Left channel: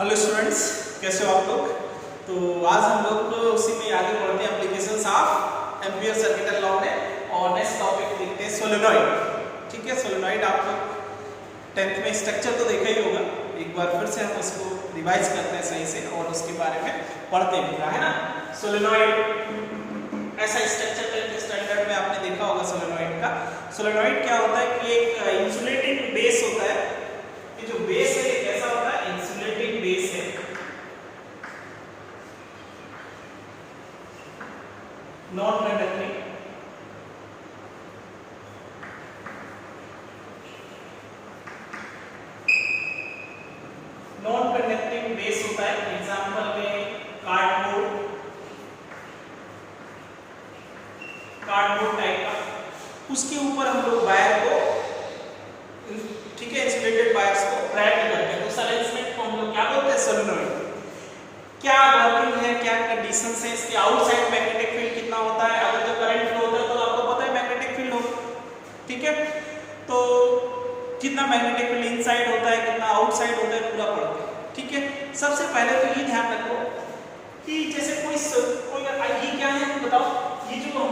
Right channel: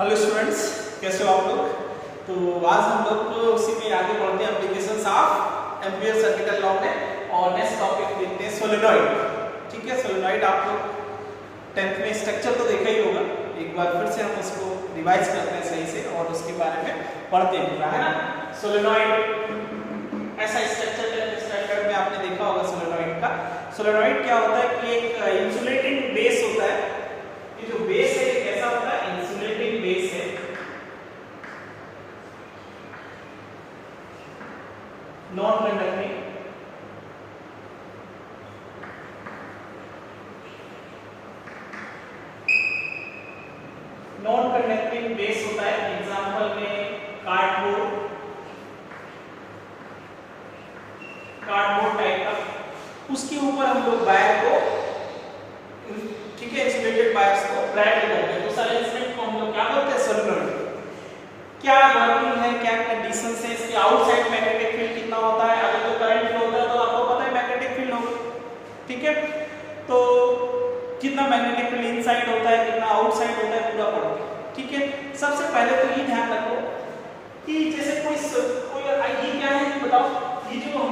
Hello students, कैसे हो आप लोग। तो आज हम लोग उसी में आगे बढ़ते हैं applications of ampere circuit law में, और नेक्स्ट टॉपिक देखते हैं सोलेनॉइड। ठीक है, सोलेनॉइड आप लोग 10th में स्ट्रक्चर तो देखा ही होगा, एक बार फिर से हम उसको रिवाइज करते हैं सही से और उसके बारे में पढ़ते हैं पूरा, है ना। सोलेनॉइड ऐसा स्ट्रक्चर 10th स्टैंडर्ड में आपने देखा होगा सोलेनॉइड का। सोलेनॉइड क्या होता है कि एक इंसुलेटिंग बेस होता है। ये जो बेस है ये कैसा होता है, इंसुलेटिंग बेस है, non conducting, non conducting base होता है। एग्जांपल में कार्डबोर्ड टाइप का, उसके ऊपर हम लोग वायर को, ठीक है, इंसुलेटेड वायर्स को रैप करते हैं। तो सारे इंस्ट्रूमेंट को हम लोग क्या बोलते हैं, सोलेनॉइड। क्या वर्किंग है, क्या कंडीशंस है, इसके आउटसाइड मैग्नेटिक फील्ड कितना होता है। अगर तो करंट फ्लो होता है तो आपको पता है मैग्नेटिक फील्ड होगा, ठीक है। तो कितना मैग्नेटिक फील्ड इनसाइड होता है, कितना आउटसाइड होता है, पूरा पढ़ते हैं, ठीक है। सबसे पहले तो ये ध्यान रखो कि जैसे कोई ये क्या है बताओ, ये जो हम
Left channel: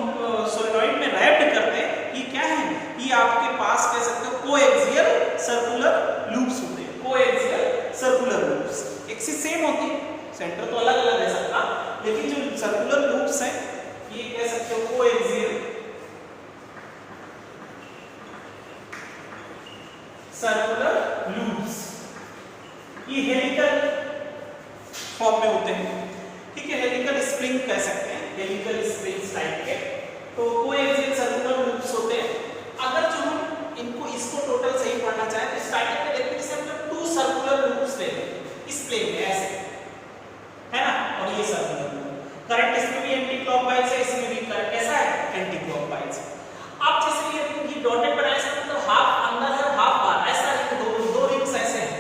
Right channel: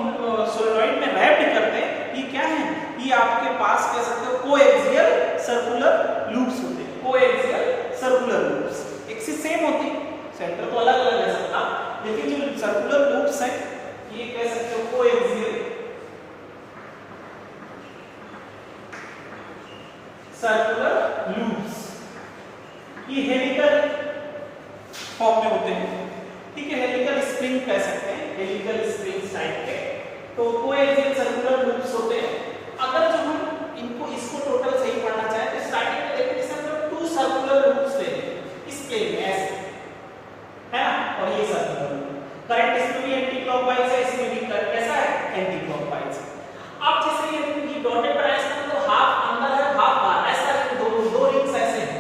सोलेनॉइड में रैप्ड करते हैं ये क्या है, ये आपके पास कह सकते हो कोएक्सियल सर्कुलर लूप्स होते हैं। Coaxial circular loops axis same होती है, सेंटर तो अलग अलग है सबका, लेकिन जो सर्कुलर लूप्स हैं ये कह सकते हो कोएक्सियल सर्कुलर लूप्स। ये हेलिकल फॉर्म में होते हैं, ठीक है, हेलिकल स्प्रिंग कह सकते हैं, हेलिकल स्प्रिंग्स टाइप के। तो कोएक्सियल सर्कुलर लूप्स होते हैं। अगर जो हम इसको टोटल सही पढ़ना चाहें तो स्टार्टिंग में देखते हैं हम 2 सर्कुलर लूप्स लेंगे इस प्लेन में ऐसे, है ना, और ये सर्कुलर लूप। करंट इसमें भी एंटी क्लॉकवाइज है, इसमें भी करंट कैसा है, एंटी क्लॉकवाइज। अब जैसे ये डॉटेड बनाया है, मतलब हाफ अंदर है हाफ बाहर, ऐसा दो रिंग्स ऐसे हैं।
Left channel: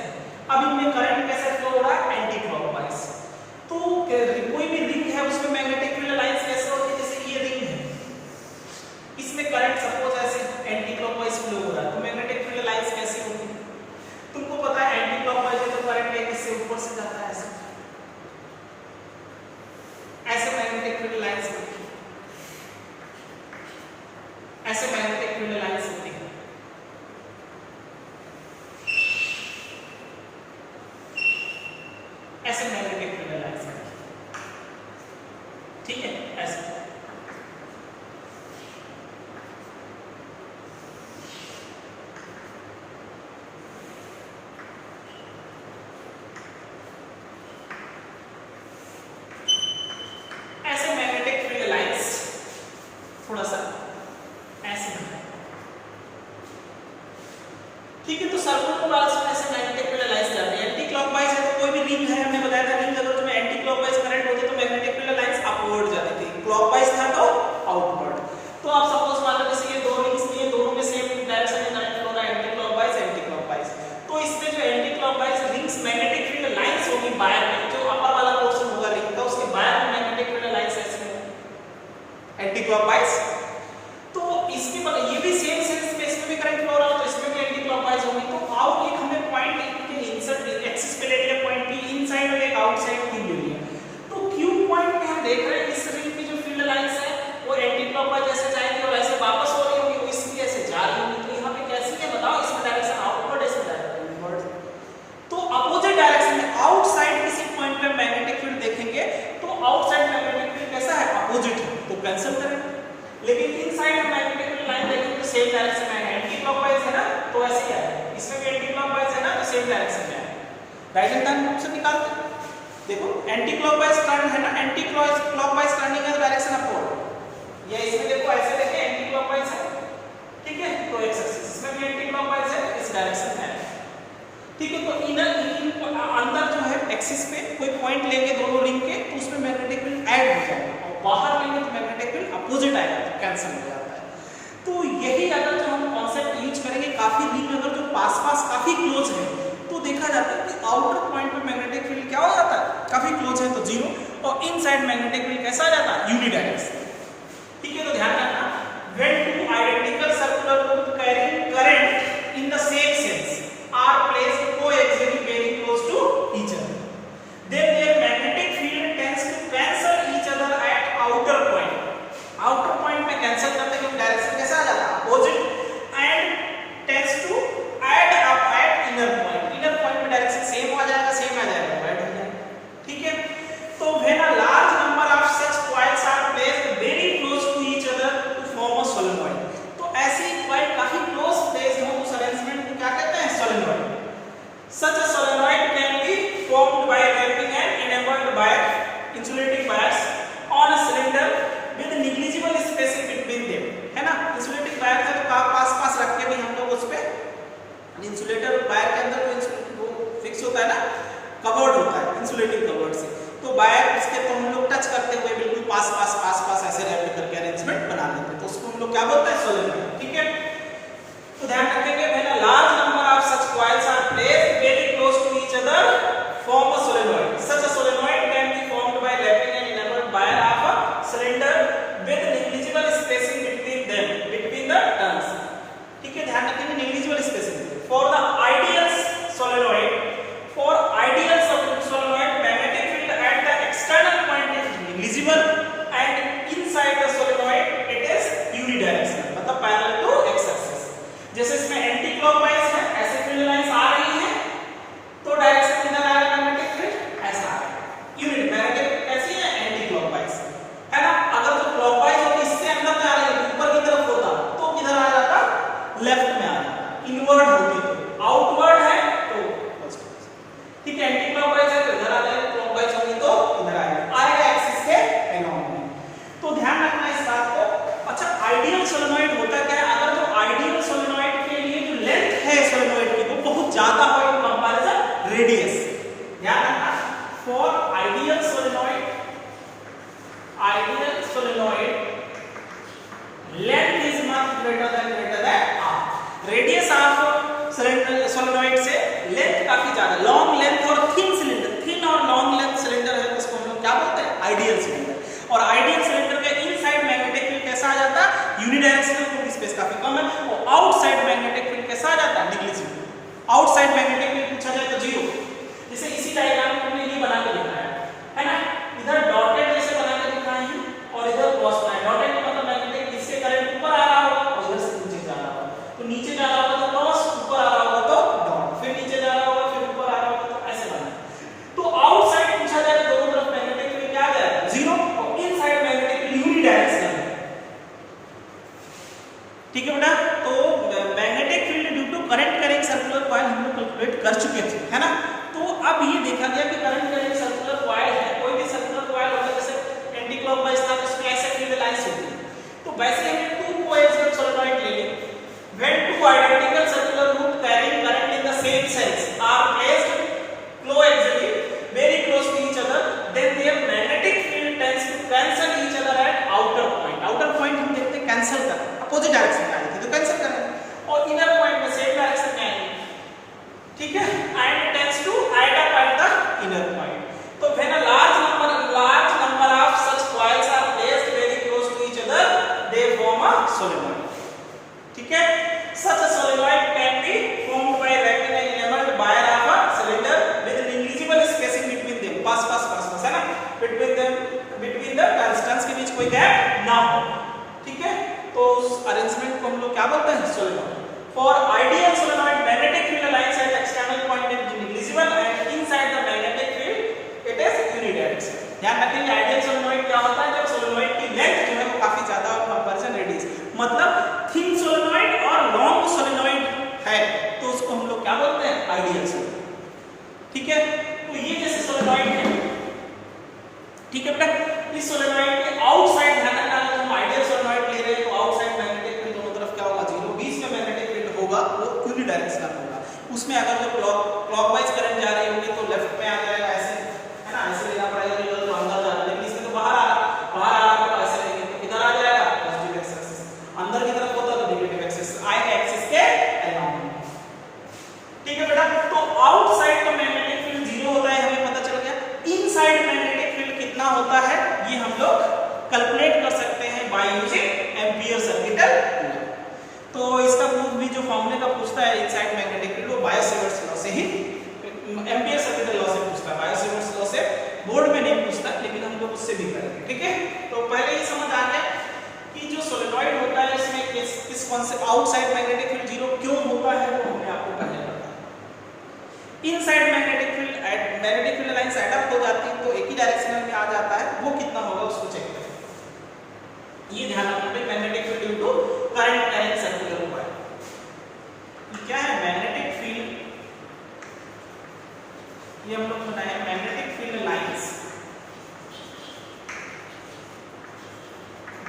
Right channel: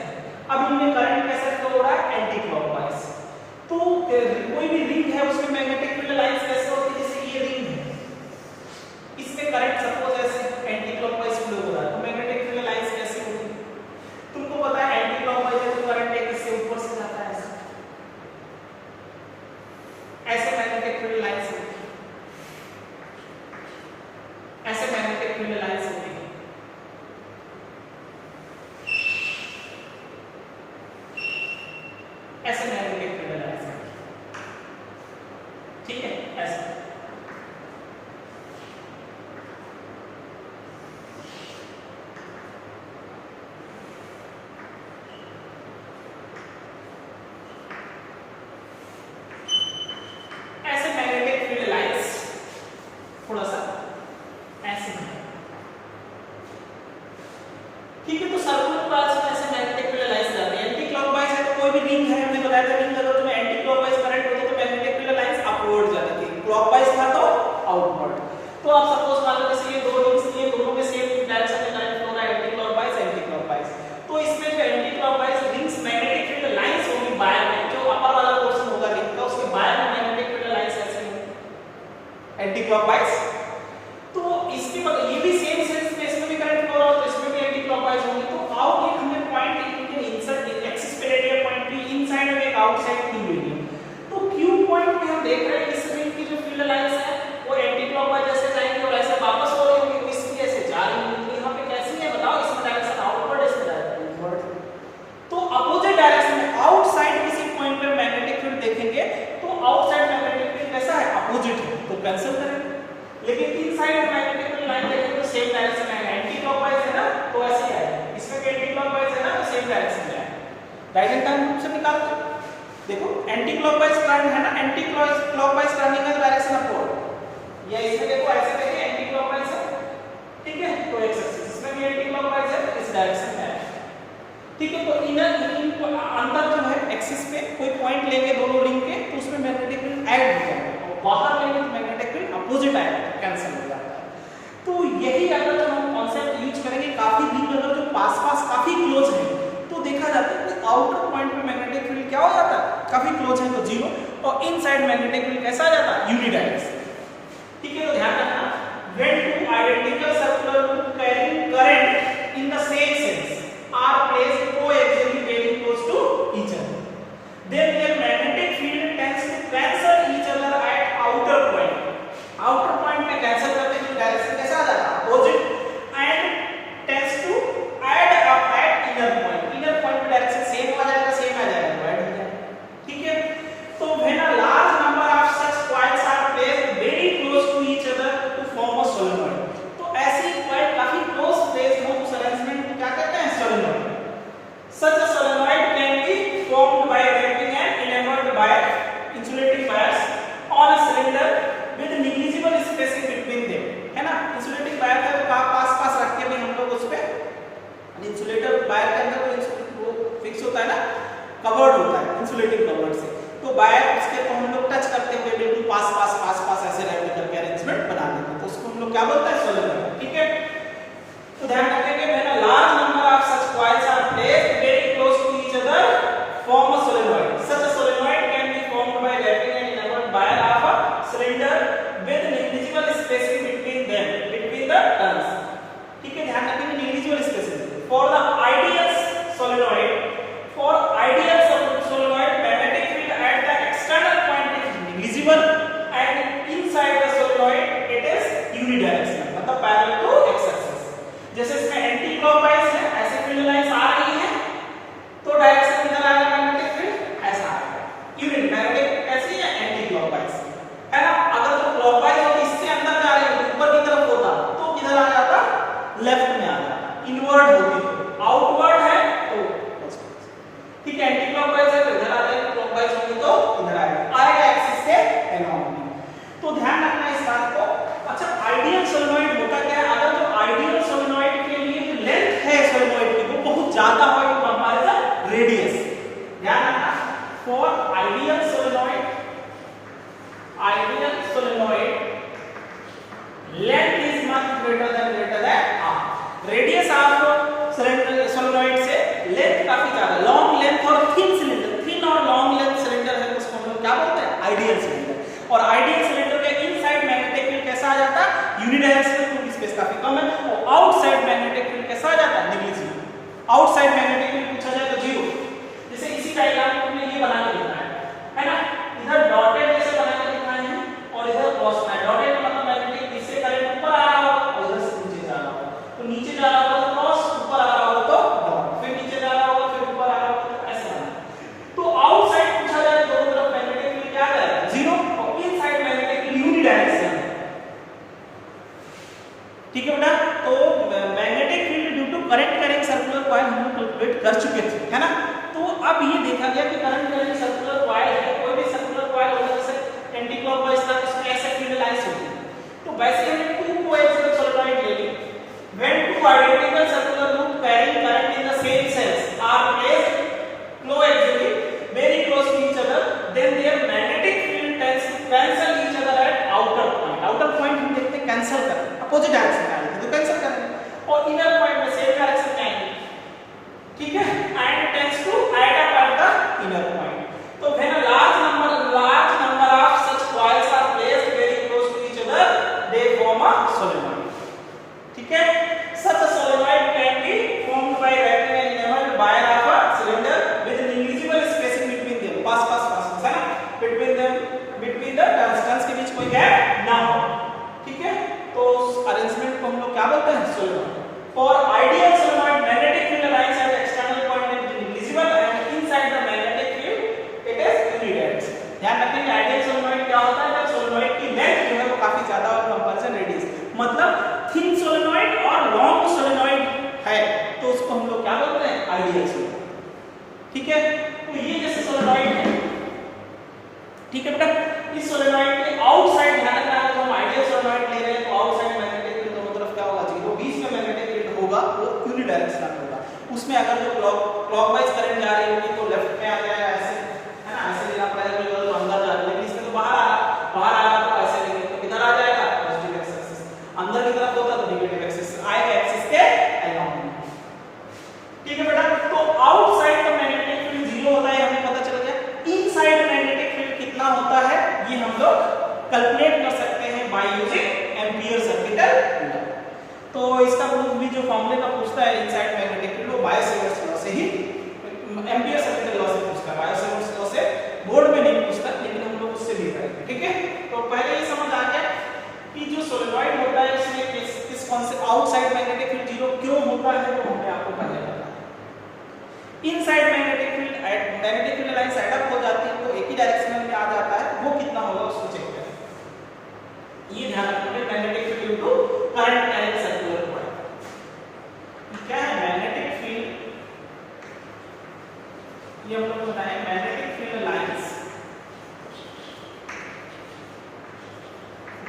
अब इनमें करंट कैसे फ्लो हो रहा है, एंटी क्लॉकवाइज। तो कोई भी रिंग है उसमें मैग्नेटिक फील्ड लाइंस कैसे होती है, जैसे ये रिंग है, इसमें करंट सपोज ऐसे एंटी क्लॉकवाइज फ्लो हो रहा है, तो मैग्नेटिक फील्ड लाइंस कैसे होती है, तुमको पता है एंटी क्लॉकवाइज है तो करंट एक इससे ऊपर से जाता है, ऐसे मैग्नेटिक फील्ड लाइंस होती है, ऐसे मैग्नेटिक फील्ड लाइंस होती है। ऐसे मैग्नेटिक फील्ड लाइंस होती है, ठीक है, ऐसे। ऐसे मैग्नेटिक फील्ड लाइंस थोड़ा सा ऐसे है, ठीक है। तो सर्कुलर वाल्स में ऐसे मैग्नेटिक फील्ड लाइंस जाते हैं। एंटी क्लॉकवाइज है तो कोई भी रिंग है, हमने बताया था रिंग अगर तुम्हें एंटी क्लॉकवाइज करंट होते तो मैग्नेटिक फील्ड लाइंस अपवर्ड जाती थी, क्लॉकवाइज था तो आउटवर्ड। तो आप सपोज मान लो जैसे ये दो रिंग्स लिए, दोनों में सेम डायरेक्शन में करंट फ्लो रहा है, एंटी क्लॉकवाइज एंटी क्लॉकवाइज। तो इसमें जो anti clockwise rings magnetic field lines होगी वायर में, जो अपर वाला पोर्शन होगा रिंग का, उसके वायर में मैग्नेटिक फील्ड लाइंस ऐसे होंगी एंटी क्लॉकवाइज। तो इसमें मतलब ये भी सेम सेंस में, इसमें भी करंट फ्लो रहा हो तो इसमें भी एंटी क्लॉकवाइज होगी। तो आओ एक हमने पॉइंट इनसाइड एक्सिस पे ले लिया पॉइंट की, इनसाइड और एक आउटसाइड की ले लिया। तो क्यू पॉइंट पे हम देख रहे हैं इस रिंग की जो फील्ड लाइंस है वो एंटी क्लॉकवाइज ऐसे जाएंगी और ऐसे वापस हो रही होंगी, तो इसमें ऐसे जा रही होंगी। तो यहां पे कैसी है बताओ, इसमें डायरेक्शन आउटवर्ड है, इसमें डायरेक्शन इनवर्ड। तो अपोजिट डायरेक्शन में आउटसाइड किसी पॉइंट पे मैग्नेटिक फील्ड देखेंगे तो आउटसाइड मैग्नेटिक फील्ड कैसा है, अपोजिट है, तो कैंसिल करेंगे। लेकिन इनसाइड में मैग्नेटिक फील्ड लाइन देखेंगे तो सेम डायरेक्शन में आएगा, एंटी क्लॉकवाइज है ना तो ऐसे ही आएगा, इसमें भी एंटी क्लॉकवाइज है ना तो सेम डायरेक्शन में आएगा। राइट हैंड रूप से निकाल दो, देखो एंटी क्लॉकवाइज टर्न है ना, एंटी क्लॉकवाइज टर्निंग का डायरेक्शन अपवर्ड। या इसमें देखो ऐसे देखें एंटी क्लॉकवाइज है, ठीक है, तो एक्स एक्सिस, इसमें भी एंटी क्लॉकवाइज है, इस डायरेक्शन में आएगा, ठीक है। तो इनर अंदर जो है एक्सिस पे कोई पॉइंट लेंगे दोनों रिंग के तो उसमें मैग्नेटिक फील्ड ऐड हो जाएगा, और बाहर लेंगे तो मैग्नेटिक फील्ड अपोजिट आएगा, तो कैंसिल हो जाता है। तो यही अगर जो हम कॉन्सेप्ट यूज करेंगे, काफी रिंग अगर जो पास काफी क्लोज है तो देखा जाता है कि आउटर पॉइंट पे मैग्नेटिक फील्ड क्या हो जाता है, काफी क्लोज है तो 0, और इनसाइड मैग्नेटिक फील्ड कैसा आ जाता है, यूनिडायरेक्शनल, ठीक है। तो ध्यान रखना, when two identical circular loop carrying current in the same sense are placed coaxially very close to each other, wire के अंदर वो फिक्स होता है ना, कवर्ड होता है इंसुलेटिंग कवर्ड से, तो वायर उसके को हम लोग टच करते हुए बिल्कुल पास पास पास पास ऐसे लेवल करके अरेंजमेंट बना लेते हैं, तो उसको हम लोग क्या बोलते हैं, सोलेनॉइड। ठीक है, तो ध्यान रखेंगे when a large number of such coils are placed very close to each other form a solenoid. Such a solenoid can be formed by wrapping an inward wire of a cylinder with negligible spacing between them, between the turns. ठीक है, ध्यान रखेंगे negligible spacing. For the ideal solenoid, magnetic field at the external point is negligible and inside the solenoid it is unidirectional, मतलब parallel to x axis. जैसे इसमें anti clockwise है, ऐसे field lines आ रही है, तो डायरेक्शन किधर आएगा मैग्नेटिक फील्ड, ऐसा आएगा। यूनिट मैग्नेटिक कैसी है, एंटी क्लॉकवाइज है ना। अगर तो क्लॉकवाइज है इससे अंदर जा रही है ऊपर की तरफ होता तो किधर आ जाता, लेफ्ट में आ जाता, इनवर्ड होती तो, आउटवर्ड है तो ठीक है, एंटी क्लॉकवाइज है तो इधर आ जाएगा, क्लॉकवाइज होगी तो इधर आएगा एक्सिस के अलोंग। तो ध्यान रखना इस बात को। अच्छा, आइडियल सोलेनॉइड होता क्या है, अगर जो आइडियल सोलेनॉइड के लिए जो लेंथ है सोलेनॉइड की वो बहुत ज्यादा हो इन कंपैरिजन रेडियस, ध्यान रखना, for ideal solenoid length is much greater than r, radius of solenoid से लेंथ काफी ज्यादा, लॉन्ग लेंथ और थिन सिलेंडर, थिन और लॉन्ग लेंथ सिलेंडर है तो उसको हम लोग क्या बोलते हैं, आइडियल सिलेंडर। और आइडियल सिलेंडर के इनसाइड मैग्नेटिक फील्ड कैसा आ जाता है, यूनिडायरेक्शनल, क्योंकि स्पेस काफी कम है, और आउटसाइड मैग्नेटिक फील्ड कैसा आ जाता है, नेग्लिजिबल। आउटसाइड मैग्नेटिक फील्ड पूछा जाए तो जीरो। जैसे इसी डायग्राम में हमने ये बना के दिखाया है ना, इधर डॉटेड जैसे बना के दिखाए हैं और इधर क्रॉस लाइन। डॉटेड का मतलब मैग्नेटिक इससे करंट ऊपर आ रहा हो और इधर से नीचे जा रहा हो, तो नीचे जा रहा होगा तो क्रॉस, ऊपर आ रहा होगा तो डॉट, फिर नीचे जा रहा होगा फिर ऊपर आ रहा होगा, तो ऐसे बना है। तो आउटसाइड पूछा जाए तो दोनों तरफ मैग्नेटिक फील्ड क्या आ जाएगा, जीरो, और इनसाइड मैग्नेटिक फील्ड यूनिडायरेक्शनल है। ठीक है बेटा, तो magnetic field due to current carrying circular coil हम लोग कैलकुलेट कर चुके थे, है ना। तो अब ये देखा गया कि करंट कैरिंग सर्कुलर कॉइल है, कोई भी सर्कुलर कॉइल होगा, जैसे एंटी क्लॉकवाइज था इसमें ऐसे फील्ड लाइंस होती है, तो वैसे हमने टू कोएक्सियल सोलेनॉइड ले ली। When two identical circular loops carrying current in the same cells are placed coaxially very close to each other, then their magnetic field tends to cancel each other at outer point. Outer point हम देखते हैं cancel कर, opposite direction में आएगी तो cancel करेंगे, और inner point में सेम डायरेक्शन में आएंगे, ठीक है, and tends to add up at the inner point. तो when a large number of such coils are placed very close to each other, they form a solenoid. ठीक है, such a solenoid can be formed by wrapping an inward wire of a cylinder with negligible spacing between them, पास है ना, between the turns के बीच कोई gap ना हो। ठीक है, तो उस अरेंजमेंट को हम लोग क्या बोलते हैं, solenoid. For ideal solenoid, magnetic field lines at external point is negligible and inside the magnetic field it is unidirectional. ध्यान रखिए, आइडियल सोलेनॉइड क्या होता है, जब सोलेनॉइड की लेंथ जो है वो काफी ज्यादा हो कंपैरिजन रेडियस, मतलब थिन सोलेनॉइड और लॉन्ग सोलेनॉइड है तो उसको हम लोग क्या बोलते हैं, आइडियल सोलेनॉइड। ठीक है, तो ये जैसे सोलेनॉइड है, ठीक है बेटा, इस सोलेनॉइड के आउटसाइड ध्यान रखना, अगर हम आइडियल सोलेनॉइड ले रहे हैं तो आउटसाइड मैग्नेटिक फील्ड दोनों तरफ क्या होगा, जीरो, बीच में मैग्नेटिक फील्ड होगा वो यूनिडायरेक्शनल होगा। उसमें अगर जो क्लॉकवाइज करंट जा रही होगी तो लेफ्ट में आ जाएगा, ऐसे है ना, ऐसे लेना पड़ेगा, तो अंदर जा रहा है, इससे तो बाहर आ रहा तो ऐसे लेंगे तो किधर आ जाएगा, पॉजिटिव एक्सिस, अंदर की तरफ होता तो नेगेटिव एक्सिस आएगा, एक्सिस के अलोंग। ठीक है बेटा, तो आउटसाइड का मैग्नेटिक फील्ड जीरो होता है, हमें पता चल गया। इनसाइड मैग्नेटिक फील्ड कितना होता है ये हम लोग कैलकुलेट कर सकते हैं by using ampere circuital law. तो इसका प्रूफ भी जो फॉर्मूले का पूछता है इनसाइड मैग्नेटिक फील्ड, वो बायो-सेवर्ट्स लॉ से ही, एम्पियर सर्किटल लॉ से पूछता है, बायो-सेवर्ट्स लॉ से बोर्ड में नहीं पूछता, लेकिन हम लोग उससे भी करेंगे। ठीक है, तो पहले ही समझ आ गया कि जो सोलेनॉइड होता है इसमें किस concept outside magnetic field zero क्यों होता है वो हमने आपको पहले बताया। Inside magnetic field line set up हो जाती है तो एक ही डायरेक्शन में आ जाता है, वो कितना होगा उसको चेक करें। ये ध्यान रखना, magnetic field due to current carrying circular coil. क्या है मैग्नेटिक फील्ड, ये हम लोग बताएं, magnetic field lines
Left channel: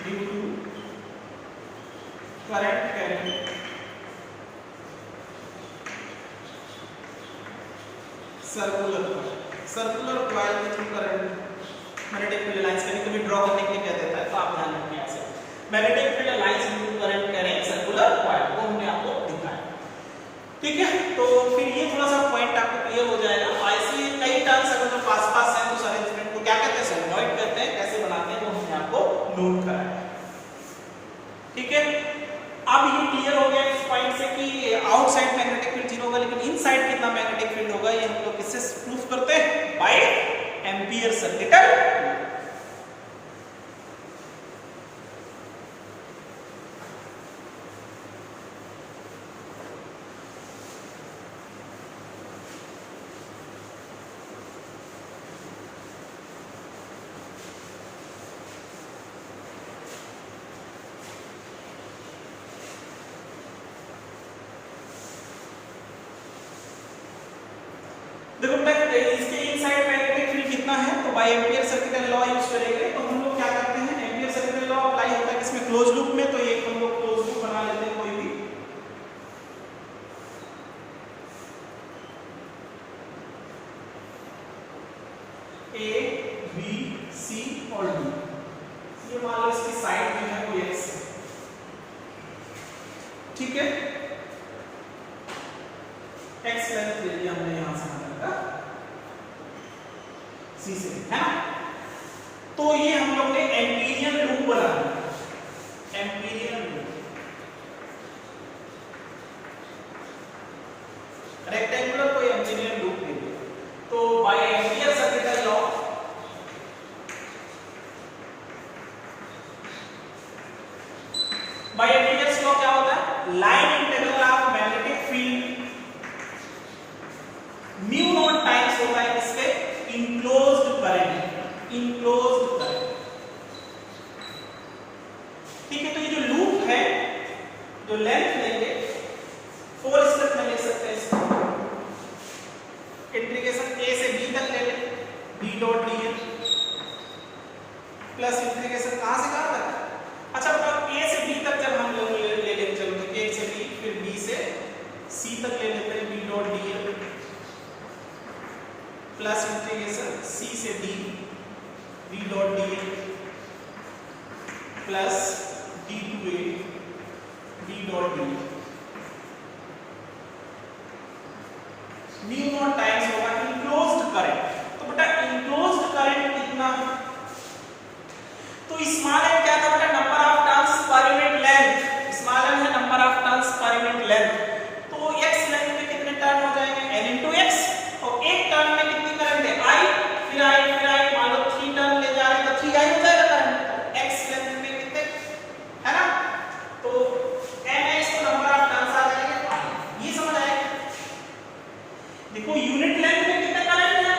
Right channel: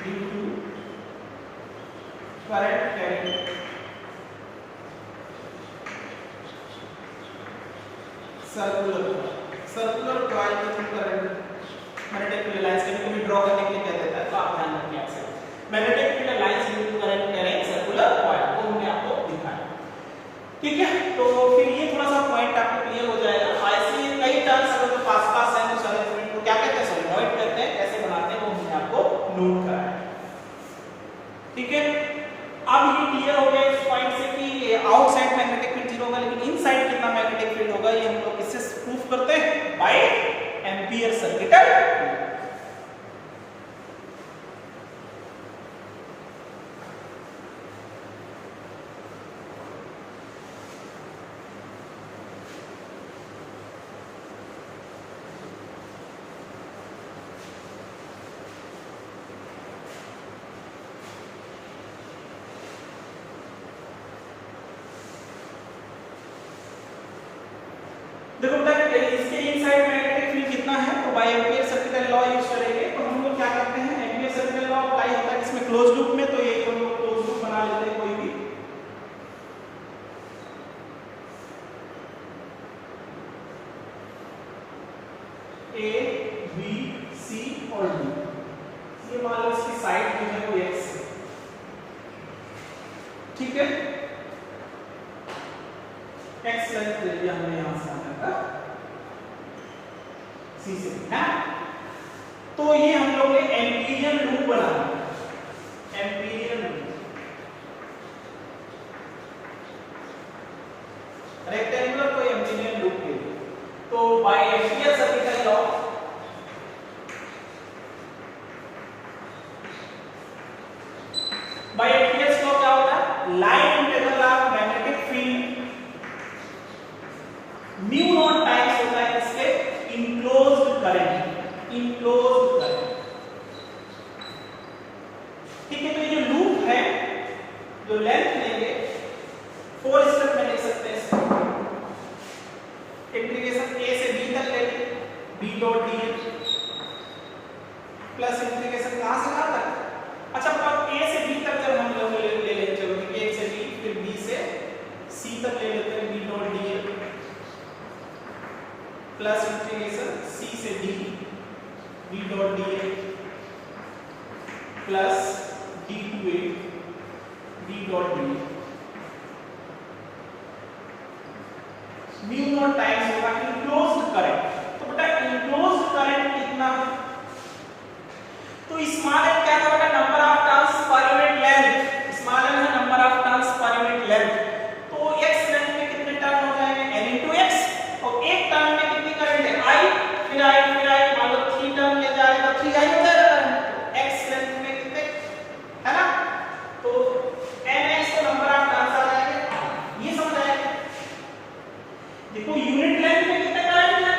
due to current carrying circular coil के through current magnetic field lines कभी ड्रॉ करने के लिए कह देता है, तो आप ध्यान रखिए आपसे magnetic field lines due to current करें सर्कुलर कॉइल, वो हमने आपको दिखाया। ठीक है, तो फिर ये थोड़ा सा पॉइंट आपको क्लियर हो जाएगा। ऐसे कई टर्म्स अगर जो पास हैं उस अरेंजमेंट को क्या कहते हैं, सॉलिनॉइड कहते हैं, कैसे बनाते हैं वो हमने आपको नोट कराया है। ठीक है, अब ये क्लियर हो गया इस पॉइंट से कि ये आउटसाइड मैग्नेटिक फील्ड 0 होगा, लेकिन इनसाइड कितना मैग्नेटिक फील्ड होगा ये हम लोग किससे प्रूफ करते हैं, बाय एम्पियर सर्किटल। देखो बेटा इसके इनसाइड मैग्नेटिक फील्ड कितना है, तो by Ampere circuital law use करेंगे। तो हम लोग क्या करते हैं, एम्पियर सर्किटल लॉ अप्लाई होता है किसमें, क्लोज लूप में। तो एक हम लोग क्लोज लूप बना लेते हैं कोई भी, ए बी सी और डी। ये मान लो इसकी साइड जो है वो एक्स है। ठीक है, एक्स लेंथ ले लिया हमने यहां से आने का सी से, है ना। तो ये हम लोग ने एम्पीरियन लूप बनाया, एम्पीरियन लूप, रेक्टेंगुलर कोई एम्पीरियन लूप ले लिया। तो by Ampere circuital law by Ampere's law क्या होता है, line integral of magnetic field mu naught times होता है इसके इनक्लोज्ड करंट, इनक्लोज्ड करंट। ठीक है, तो ये जो लूप है, जो लेंथ लेंगे 4 स्टेप में लिख सकते हैं इसको, इंटीग्रेशन a से b तक ले लें, b dot dl plus integration कहां से कहां तक, अच्छा बताओ a से b तक जब हम लोग ले लेंगे, चलो a से b फिर b से c तक ले लेते हैं, b dot dl plus integration c से d b dot dl plus d to a b dot dl। Mu naught times होगा इनक्लोज्ड करंट। तो बेटा इनक्लोज्ड करंट कितना है, तो स्मॉल एन क्या था बेटा, number of turns per unit length, small N है number of turns per unit length. तो x लेंथ में कितने टर्न हो जाएंगे, n into x, और एक टर्न में कितनी करंट है, i, फिर i, मान लो 3 टर्न ले जा रहे हैं तो 3i हो जाएगा करंट। x लेंथ में कितने, है ना, तो nx तो नंबर ऑफ टर्न्स आ जाएंगे, ये समझ आया। देखो यूनिट लेंथ में कितना करंट है,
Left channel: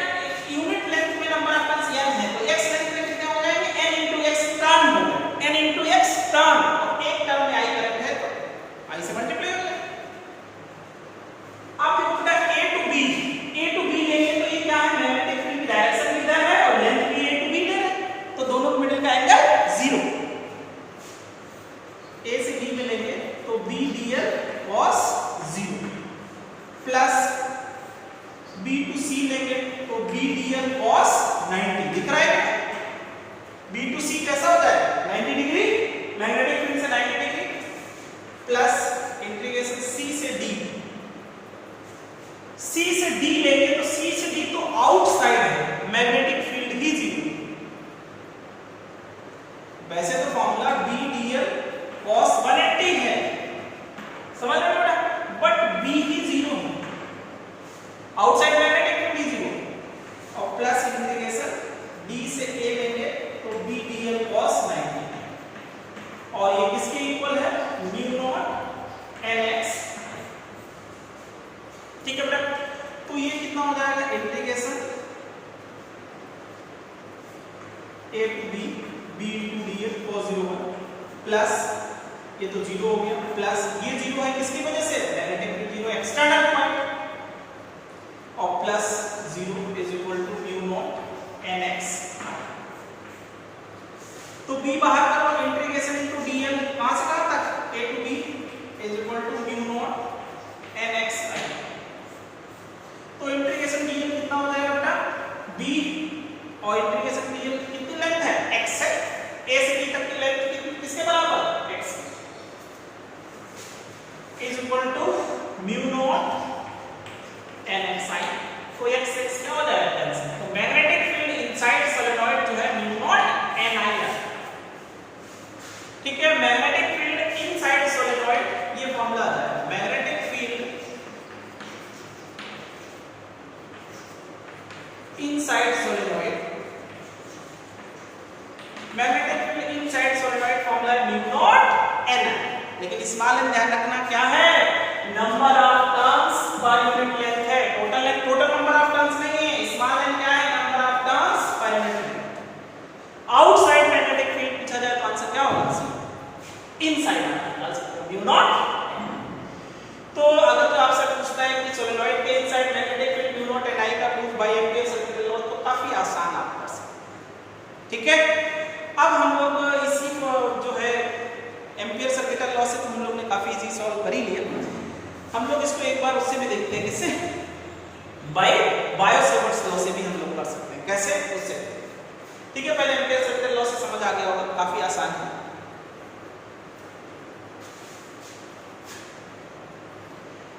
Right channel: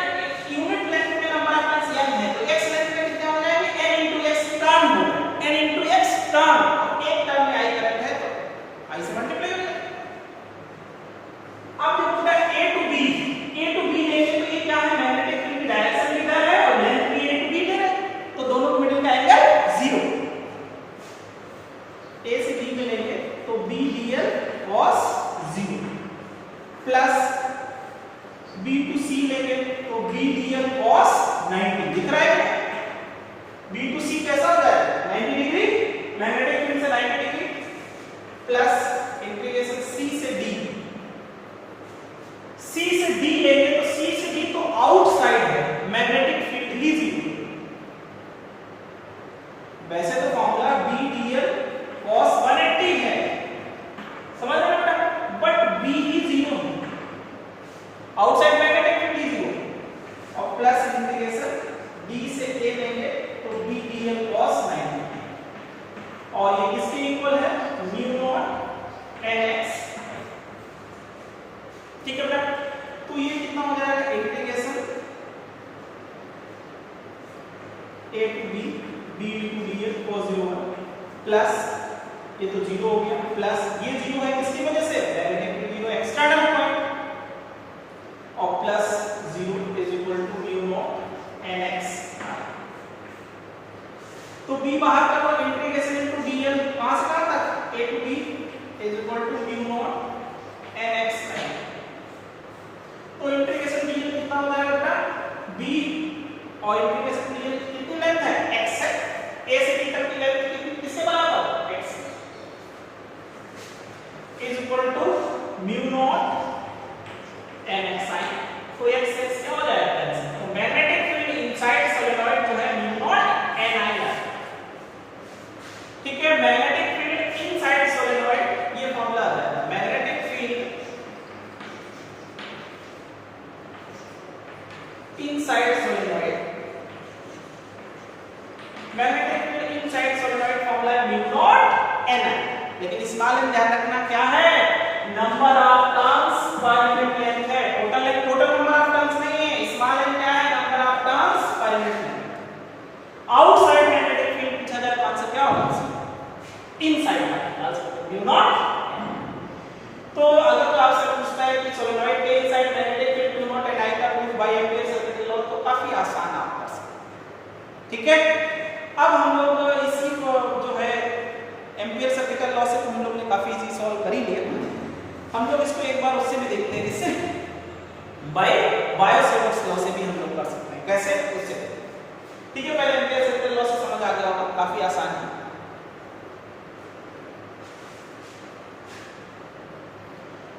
यूनिट लेंथ में नंबर ऑफ टर्न्स n है, तो x लेंथ में कितना हो जाएंगे, n into x टर्न होगा, n into x टर्न, और एक टर्न में i करंट है तो i से मल्टीप्लाई हो जाएगा। अब देखो बेटा a to b लेंगे तो ये क्या है, मैग्नेटिक फील्ड की डायरेक्शन इधर है और लेंथ भी a to b ले रहे हैं, तो दोनों के मिडिल का एंगल 0। a से b में लेंगे तो b dl cos 0 plus b to c लेंगे तो b dl cos 90, दिख रहा है b to c कैसा होता है 90 डिग्री, मैग्नेटिक फील्ड से 90 डिग्री, प्लस इंटीग्रेशन c से d, c से d लेंगे तो c से d तो आउटसाइड है, मैग्नेटिक फील्ड ही 0। वैसे तो फॉर्मूला b dl cos 180 है, समझ रहे हो बेटा, बट b ही 0 है, आउटसाइड मैग्नेटिक फील्ड ही 0, और प्लस इंटीग्रेशन d से a लेंगे तो b dl cos 90, और ये किसके इक्वल है, म्यू नॉट nx। ठीक है बेटा, तो ये कितना हो जाएगा, integration a to b b to dl cos 01 plus ये तो 0 हो गया, प्लस ये 0 है किसकी वजह से, मैग्नेटिक फील्ड 0 एक्सटर्नल पॉइंट, और plus 0 is equal to mu naught nx। तो b बाहर कर लो, इंटीग्रेशन इनटू dl कहां से कहां तक, a to b is equal to mu naught nx। तो इंटीग्रेशन dl हो जाएगा बेटा बी और इंटीग्रेशन कितनी लेंथ है x है, a से b तक की लेंथ किसके बराबर x is equal to mu naught n x i। तो x क्या हो जाएगा कैंसिल। तो मैग्नेटिक फील्ड इनसाइड सोलेनॉइड जो है म्यू नॉट n i है। ठीक है, मैग्नेटिक फील्ड इनसाइड सोलेनॉइड ये फॉर्मूला आ जाएगा। Magnetic field inside solenoid, magnetic field inside solenoid formula है म्यू नॉट n i। लेकिन स्मॉल n ध्यान रखना क्या है, number of turns per unit length है। टोटल नंबर ऑफ टर्न्स नहीं है, स्मॉल n क्या है, number of turns per unit length. Outside magnetic field पूछा जाए तो आंसर क्या होगा, इनसाइड म्यू नॉट। तो अगर तो आपसे पूछता है कि सोलेनॉइड के inside magnetic field mu naught n i का proof by Ampere circuit law, तो काफी आसान आप कर सकते हैं। ठीक है, अब हम लोग इसी को जो है एम्पीयर सर्किट लॉ से हम लोग ने काफी इजी सॉल्व कर ही लिया। हम लोग इसको एक बार उससे भी देखते हैं, इससे बाय बायो-सेवर्ट्स लॉ से भी हम लोग कर सकते हैं। कैसे, उससे। ठीक है, पहले एम्पीयर सर्किट लॉ से समझ आ गया होगा, काफी आसान है।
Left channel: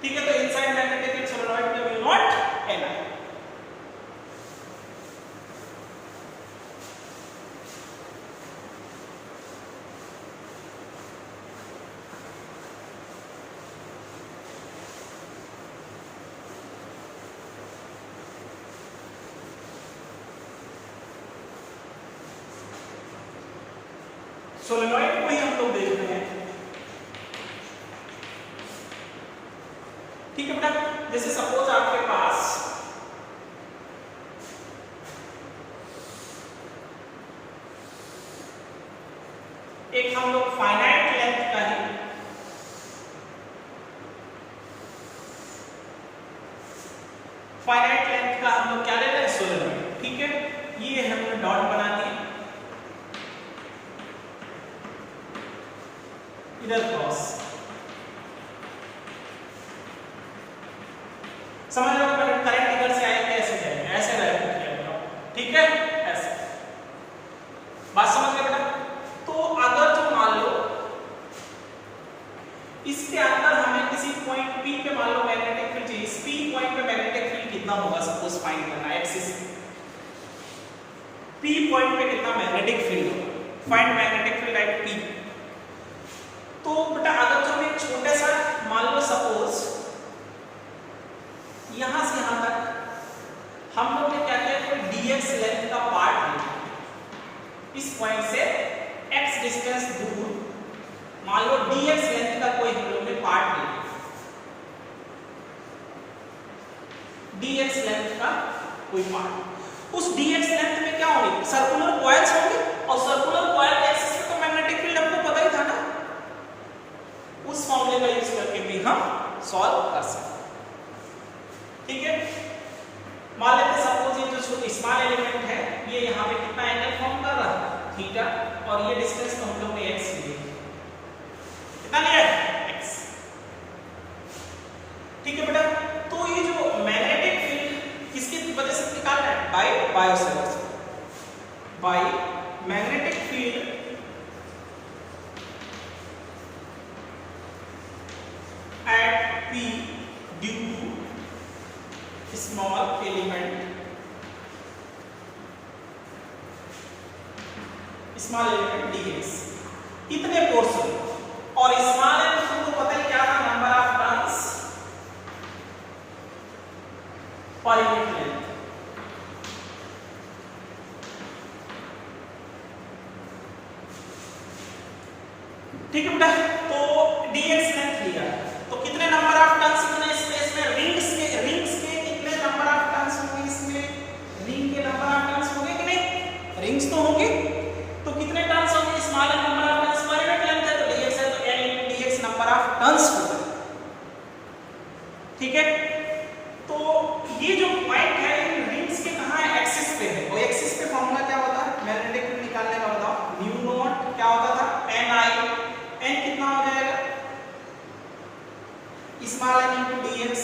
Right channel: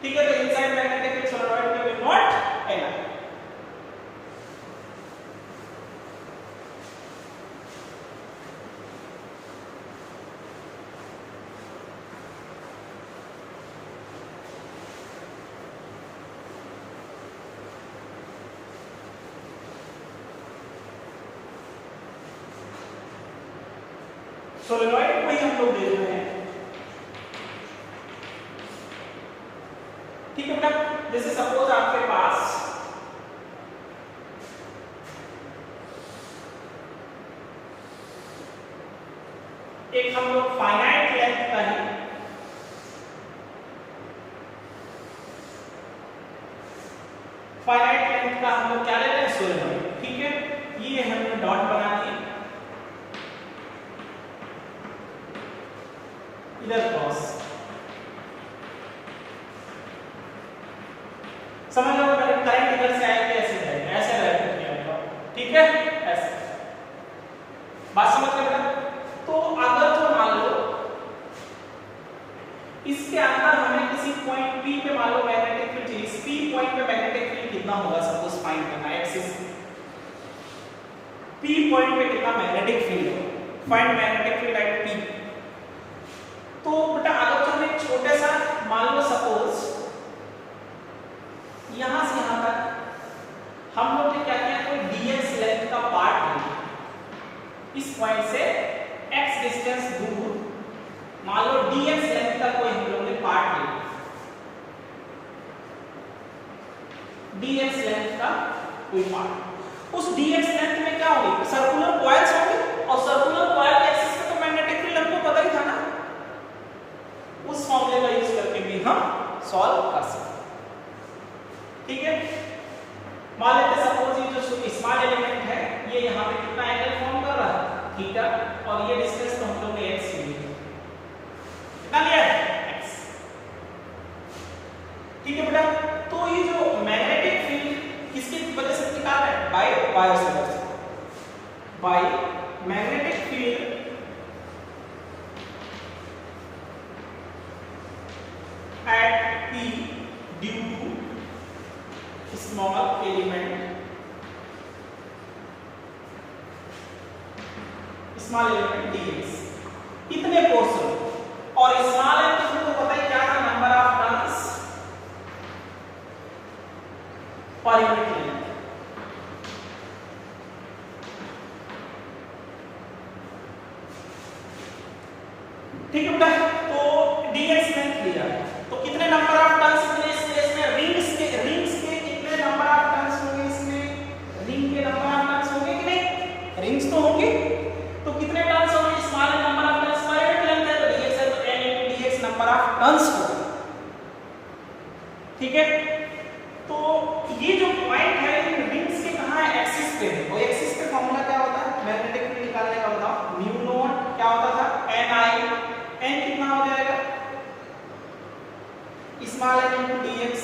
ठीक है, तो इनसाइड मैग्नेटिक फील्ड सोलेनॉइड में mu naught n i। Solenoid को ही हम लोग देख रहे हैं। ठीक है बेटा, जैसे सपोज आपके पास एक हम लोग फाइनाइट लेंथ का ही फाइनाइट लेंथ का हम लोग क्या ले रहे हैं, सोलेनॉइड। ठीक है, ये हमने डॉट बना दिए, इधर क्रॉस। समझ लो करंट इधर से आएगी, ऐसे जाएगा, ऐसे रहेगा। ठीक है, ऐसे बात समझ गए बेटा। तो अगर तो मान लो इसके अंदर हमें किसी पॉइंट P पे मान लो मैग्नेटिक फील्ड चाहिए, इस P पॉइंट पे मैग्नेटिक फील्ड कितना होगा सपोज फाइंड करना है, एक्सिस P पॉइंट पे कितना मैग्नेटिक फील्ड होगा, find magnetic field at P। तो बेटा अगर तो हम एक छोटे सा मान लो सपोज यहां से यहां तक हम लोग क्या कहते हैं, कोई dx लेंथ का पार्ट है, इस पॉइंट से x डिस्टेंस दूर मान लो dx लेंथ का कोई हम लोग ने पार्ट ले, dx लेंथ का कोई पार्ट। उस dx लेंथ में क्या होगी, सर्कुलर कॉइल्स होंगे, और सर्कुलर कॉइल के एक्सिस पे तो मैग्नेटिक फील्ड हमको पता ही था ना, उस फॉर्मूले का यूज करके भी हम सॉल्व कर सकते हैं। ठीक है, मान लेते हैं सपोज ये जो स्मॉल एलिमेंट है ये यहाँ पे कितना एंगल फॉर्म कर रहा है, थीटा, और ये डिस्टेंस तो हम लोग ने x लिए, कितना लिया है, x। ठीक है बेटा, तो ये जो मैग्नेटिक फील्ड किसकी वजह से निकाल रहा है, by Biot-Savart's, by magnetic field at P due to small element dx, इतने पोर्शन, और स्मॉल एलिमेंट को पता ही क्या था, number of turns per unit length. ठीक है बेटा, तो dx लेंथ लिया, तो कितने नंबर ऑफ टर्न्स इतने स्पेस में, रिंग्स के कितने नंबर ऑफ टर्न्स होंगे, इसमें रिंग के नंबर ऑफ टर्न्स होंगे कि नहीं, रिंग्स तो होंगे, तो कितने टर्न्स होंगे, small number of turns per unit length है, तो dx है तो n into dx number of turns होगा। ठीक है, तो ये जो पॉइंट है इन रिंग्स के कहां है, एक्सिस पे है, और एक्सिस पे फॉर्मूला क्या होता है मैग्नेटिक फील्ड निकालने का, बताओ, म्यू नॉट क्या होता था, n i, n कितना हो जाएगा, small n into dx,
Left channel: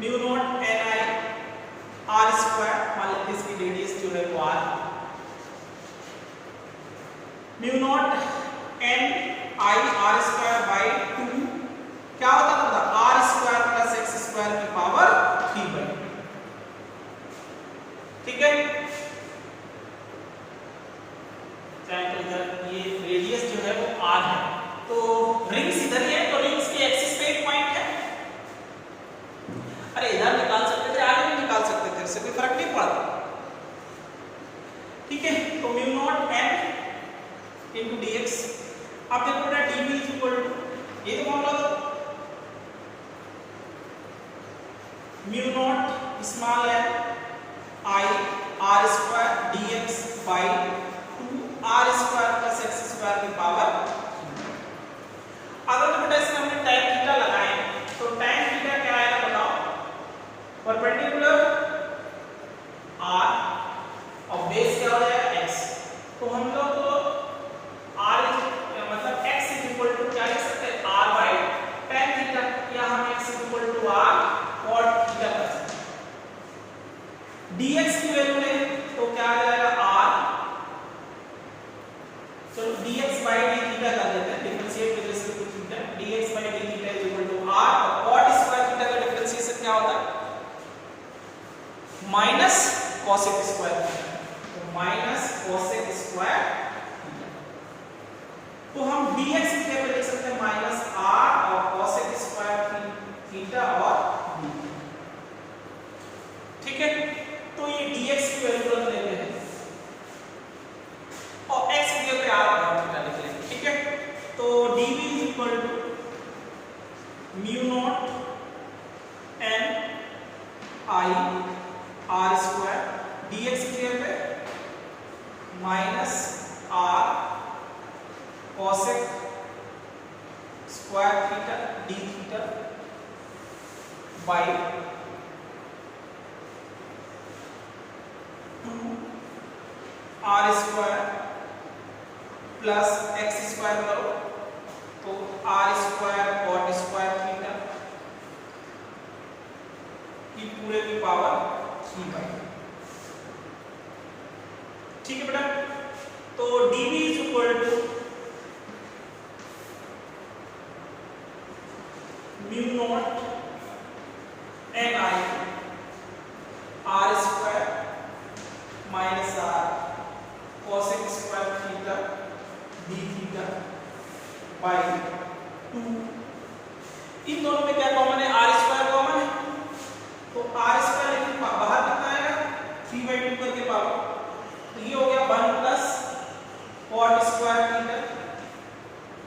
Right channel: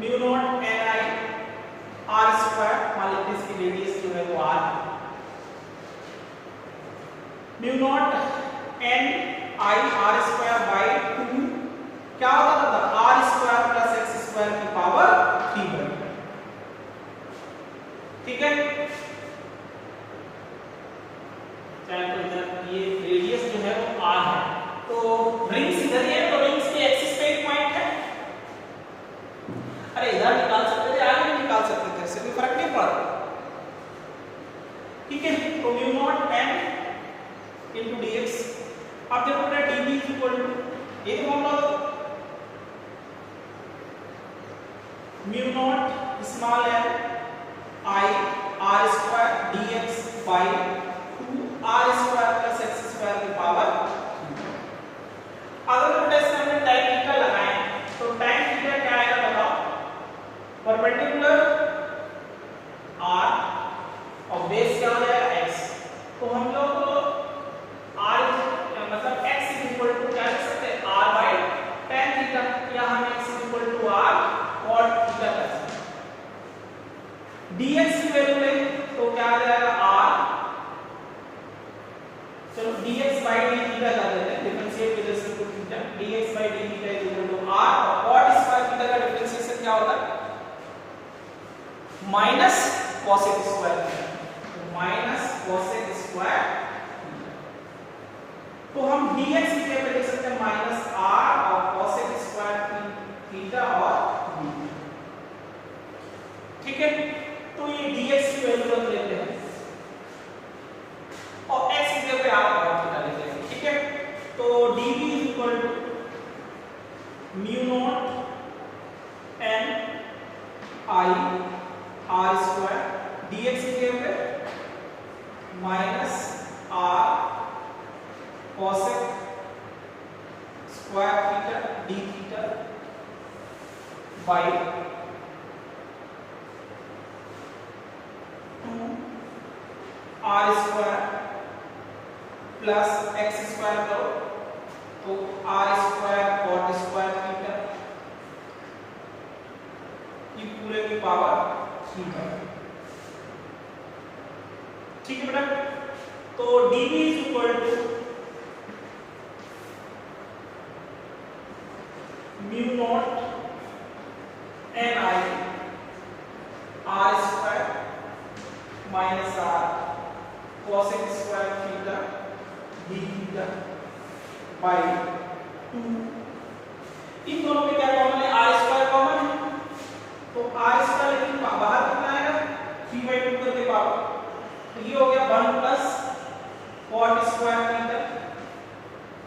mu naught N I R square, मान लेते हैं इसकी रेडियस जो है वो R, mu naught N I R square by 2 क्या होता था, R square plus X square की पावर 3। ठीक है, इधर ये रेडियस जो है वो आर है, तो रिंग्स इधर है, तो रिंग्स के एक्सिस पे एक पॉइंट है। अरे इधर निकाल सकते थे, आगे भी निकाल सकते थे, इससे कोई फर्क नहीं पड़ता। ठीक है, तो mu naught N into D X, अब देखो बेटा D B is equal to एक मामला mu naught small N I R square D X by 2 R square plus X square की पावर। अगर बेटा इसमें हमने tan थीटा लगाए तो tan थीटा क्या आएगा बताओ, परपेंडिकुलर r और बेस क्या हो जाएगा x, तो हम लोग r मतलब x इज इक्वल टू क्या लिख सकते हैं, r बाई tan थीटा, या हम x is equal to r cot theta कर सकते हैं। dx की वैल्यू लें तो क्या आ जाएगा r, चलो dx by d थीटा कर देते हैं, differentiate with respect to theta, dx by d theta is equal to r, और cot स्क्वायर थीटा का डिफरेंशिएशन क्या होता है, माइनस cosec स्क्वायर थीटा, तो माइनस cosec स्क्वायर थीटा, तो हम dx की जगह पे लिख सकते हैं माइनस r और cosec स्क्वायर थीटा और d। ठीक है, तो ये dx की वैल्यू रख लेते हैं और x की जगह पे r और थीटा लिख रहे हैं। ठीक है, तो dv is equal to mu naught n i r square, dx की जगह पे minus r cosec square theta d theta by 2 r square plus X square करो तो r square cot square theta की पूरे की पावर 3। ठीक है बेटा, तो dv is equal to mu naught N I R square minus r cosec square theta d theta by 2। इन दोनों में क्या कॉमन है, r स्क्वायर कॉमन है, तो r स्क्वायर लेकिन बाहर कितना आएगा 3/2 करके पावर, तो ये हो गया 1 प्लस cot स्क्वायर थीटा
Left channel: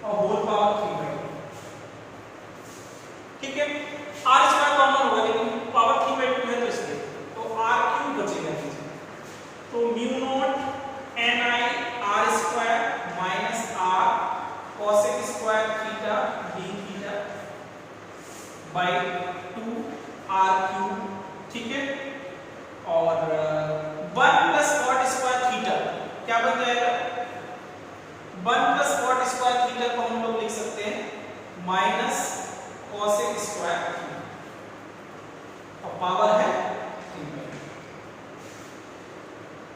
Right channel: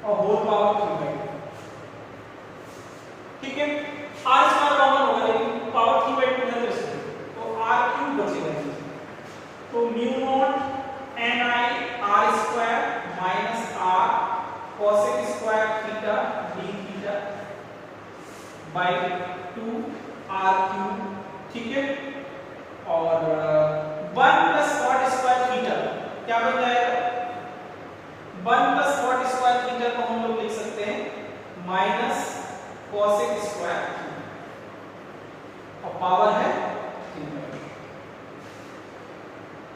और होल पावर 3/2। ठीक है, r स्क्वायर कॉमन होगा लेकिन पावर 3/2 है, तो इसलिए तो r क्यूब बचेगा, तो mu naught N I R square minus r cosec square theta d theta by 2 r cube. ठीक है, और 1 प्लस cot स्क्वायर थीटा क्या बन जाएगा, 1 प्लस cot स्क्वायर थीटा को हम लोग लिख सकते हैं माइनस cosec स्क्वायर और पावर है 3/2।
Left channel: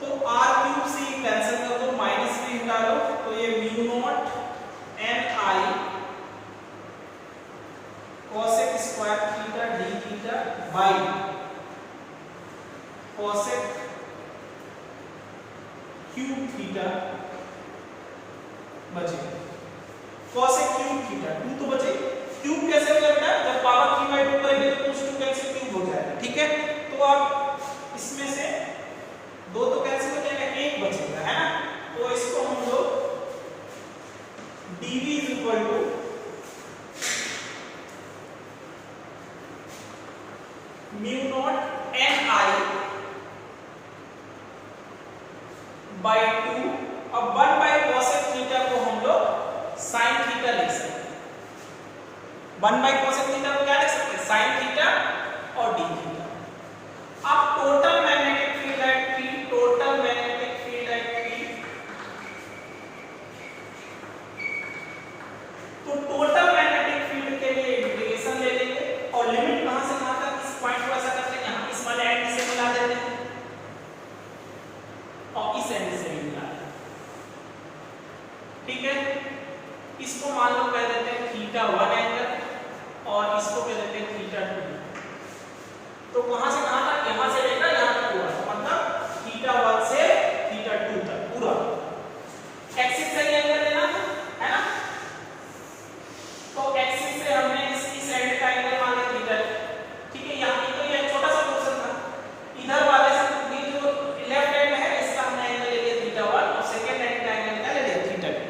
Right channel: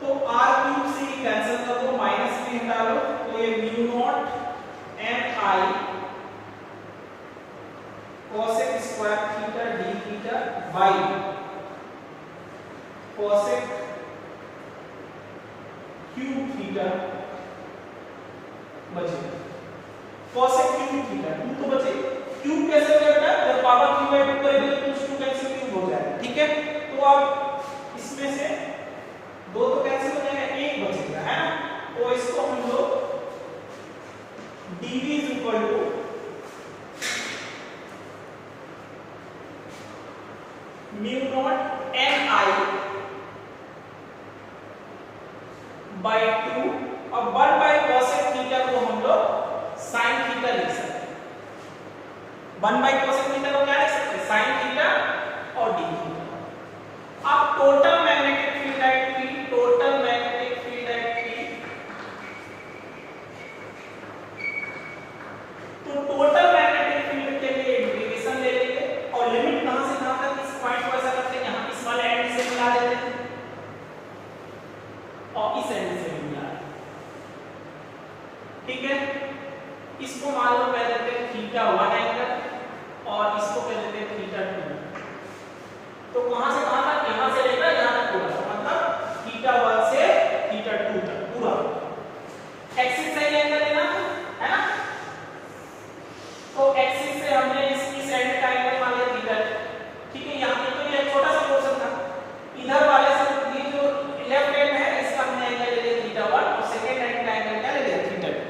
तो r क्यूब से कैंसिल कर दो, माइनस भी हटा लो, तो ये mu naught N I cosec square theta d theta by cosec cube theta बचेगा, cosec क्यूब थीटा 2 तो बचे, क्यूब कैसे हो जाएगा बेटा, जब पावर 3/2 करेंगे तो 2 कैंसिल क्यूब हो जाएगा। ठीक है, तो अब इसमें से 2 तो कैंसिल हो जाएगा, 1 बचेगा, है ना, तो इसको हम लोग dv is equal to mu naught N I by 2, अब 1 बाई cosec थीटा को हम लोग sin थीटा लिख सकते हैं, 1 बाई cosec थीटा को क्या लिख सकते हैं, sin थीटा और d थीटा। अब total magnetic field at P, total magnetic field at P, तो टोटल मैग्नेटिक फील्ड के लिए इंटीग्रेशन ले लेंगे और लिमिट कहां से कहां तक, इस पॉइंट मिला देते हैं और इस एंगल से भी मिला देते हैं। ठीक है, इसको मान लो कह देते हैं थीटा 1 एंगल और इसको कह देते हैं थीटा 2। तो कहां से कहां तक, यहां से लेकर यहां तक पूरा, तो मतलब थीटा 1 से थीटा 2 तक पूरा एक्सिस से एंगल लेना है ना। तो एक्सिस से हमने इस एंड का एंगल मान लिया थीटा। ठीक है, यहां तो ये छोटा सा पोर्शन था, इधर वाले से ये जो लेफ्ट एंड है इसका हमने एंगल ले लिया थीटा 1 और सेकंड एंड का एंगल क्या ले लिया थीटा 2।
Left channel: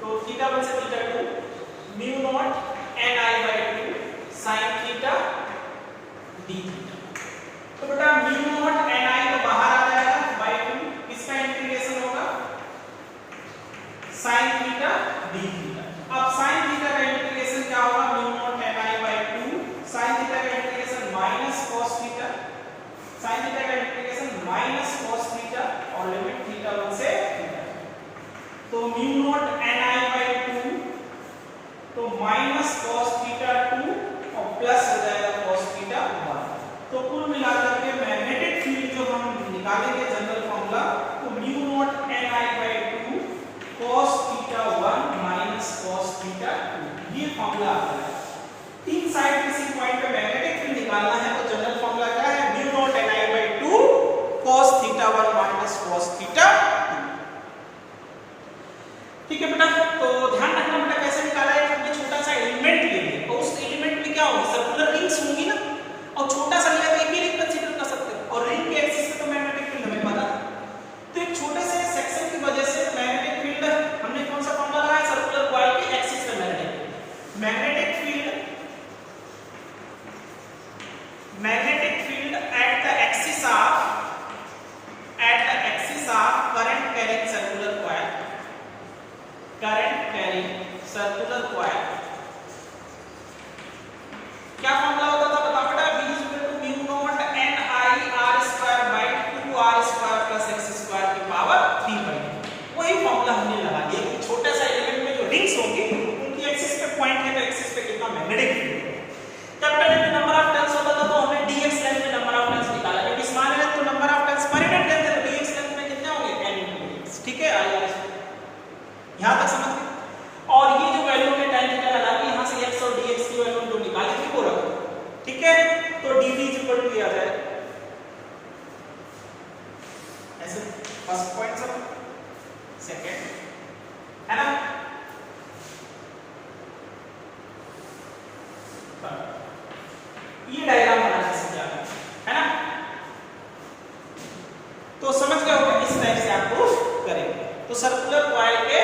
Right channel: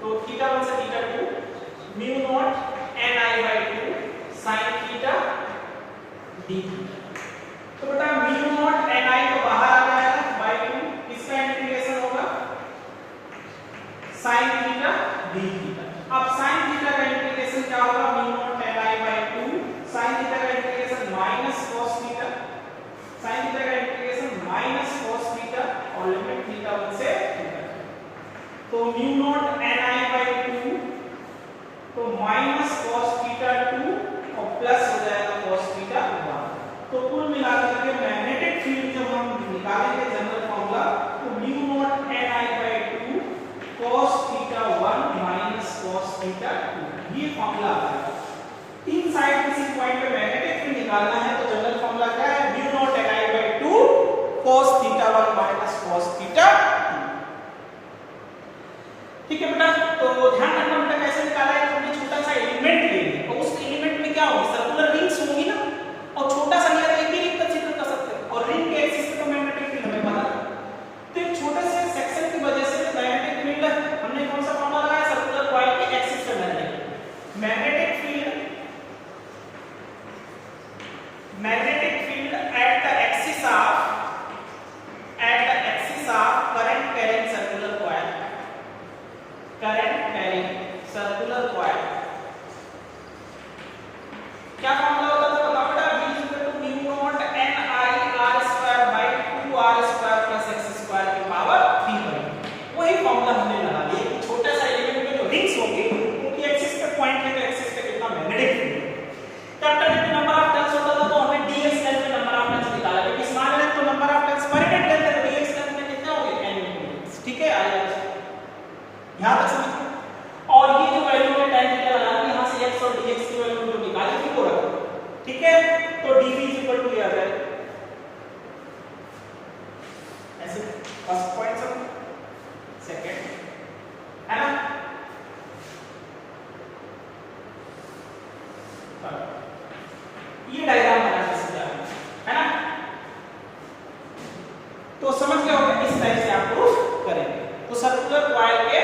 तो थीटा 1 से theta 2 mu naught ni/2 sin theta d theta. तो बेटा म्यू नॉट ni तो बाहर आ जाएगा बाय 2, इसका इंटीग्रेशन होगा sin थीटा d थीटा। अब sin थीटा का इंटीग्रेशन क्या होगा, mu naught ni/2 sin theta का integration minus cos theta, sin theta का इंटीग्रेशन माइनस cos थीटा और लिमिट थीटा 1 से थीटा। तो म्यू नॉट ni/2 तो माइनस cos थीटा 2 और प्लस हो जाएगा cos थीटा 1। तो कुल मिलाकर के मैग्नेटिक फील्ड जो हम निकालेंगे जनरल फार्मूला, तो mu naught ni/2 cos theta 1 minus cos theta 2, ये फार्मूला आता है। तीन साइड किसी पॉइंट पे मैग्नेटिक फील्ड निकालना है तो जनरल फार्मूला क्या है, mu naught ni/2 cos theta 1 minus cos theta 2। ठीक है बेटा, तो ध्यान रखना बेटा कैसे निकाला है, हमने छोटा सा एलिमेंट ले लिया और उस एलिमेंट में क्या होगी, सर्कुलर रिंग्स होंगी ना, और छोटा सा लिया तो एक ही रिंग कंसीडर कर सकते हैं और रिंग के एक्सिस पे तो मैग्नेटिक फील्ड हमें पता था। तो एक छोटे से सेक्शन की वजह से मैग्नेटिक फील्ड हमने कौन सा फॉर्मूला लगाया, सर्कुलर कॉइल के एक्सिस पे magnetic field at the axis of current carrying circular coil, क्या फॉर्मूला होता था बताओ बेटा, v = mu naught ni/r² + x² की पावर 3/2। वही फॉर्मूला हमने लगा दिया कि छोटा सा एलिमेंट में जो रिंग्स होंगी उनकी एक्सिस पे पॉइंट है तो एक्सिस पे कितना मैग्नेटिक फील्ड है। Capital length number of turns होता था तो हमने dx लेंथ में नंबर ऑफ टर्न्स निकाला, क्योंकि स्मॉल लेंथ तो number of turns per unit length है तो dx लेंथ में कितने होंगे n यूनिट्स। ठीक है, आइए यहां तक समझ गए। और ये जो वैल्यू है tan थीटा लगा के यहां से x और dx की वैल्यू जो निकाली थी वो रखो। ठीक है, तो dv = ये आ जाए ऐसे, फर्स्ट पॉइंट समझ, सेकंड है ना। ये डायग्राम बना के समझा है ना, तो समझ गए होंगे, इस टाइप से आपको करेंगे। तो सर्कुलर कॉइल के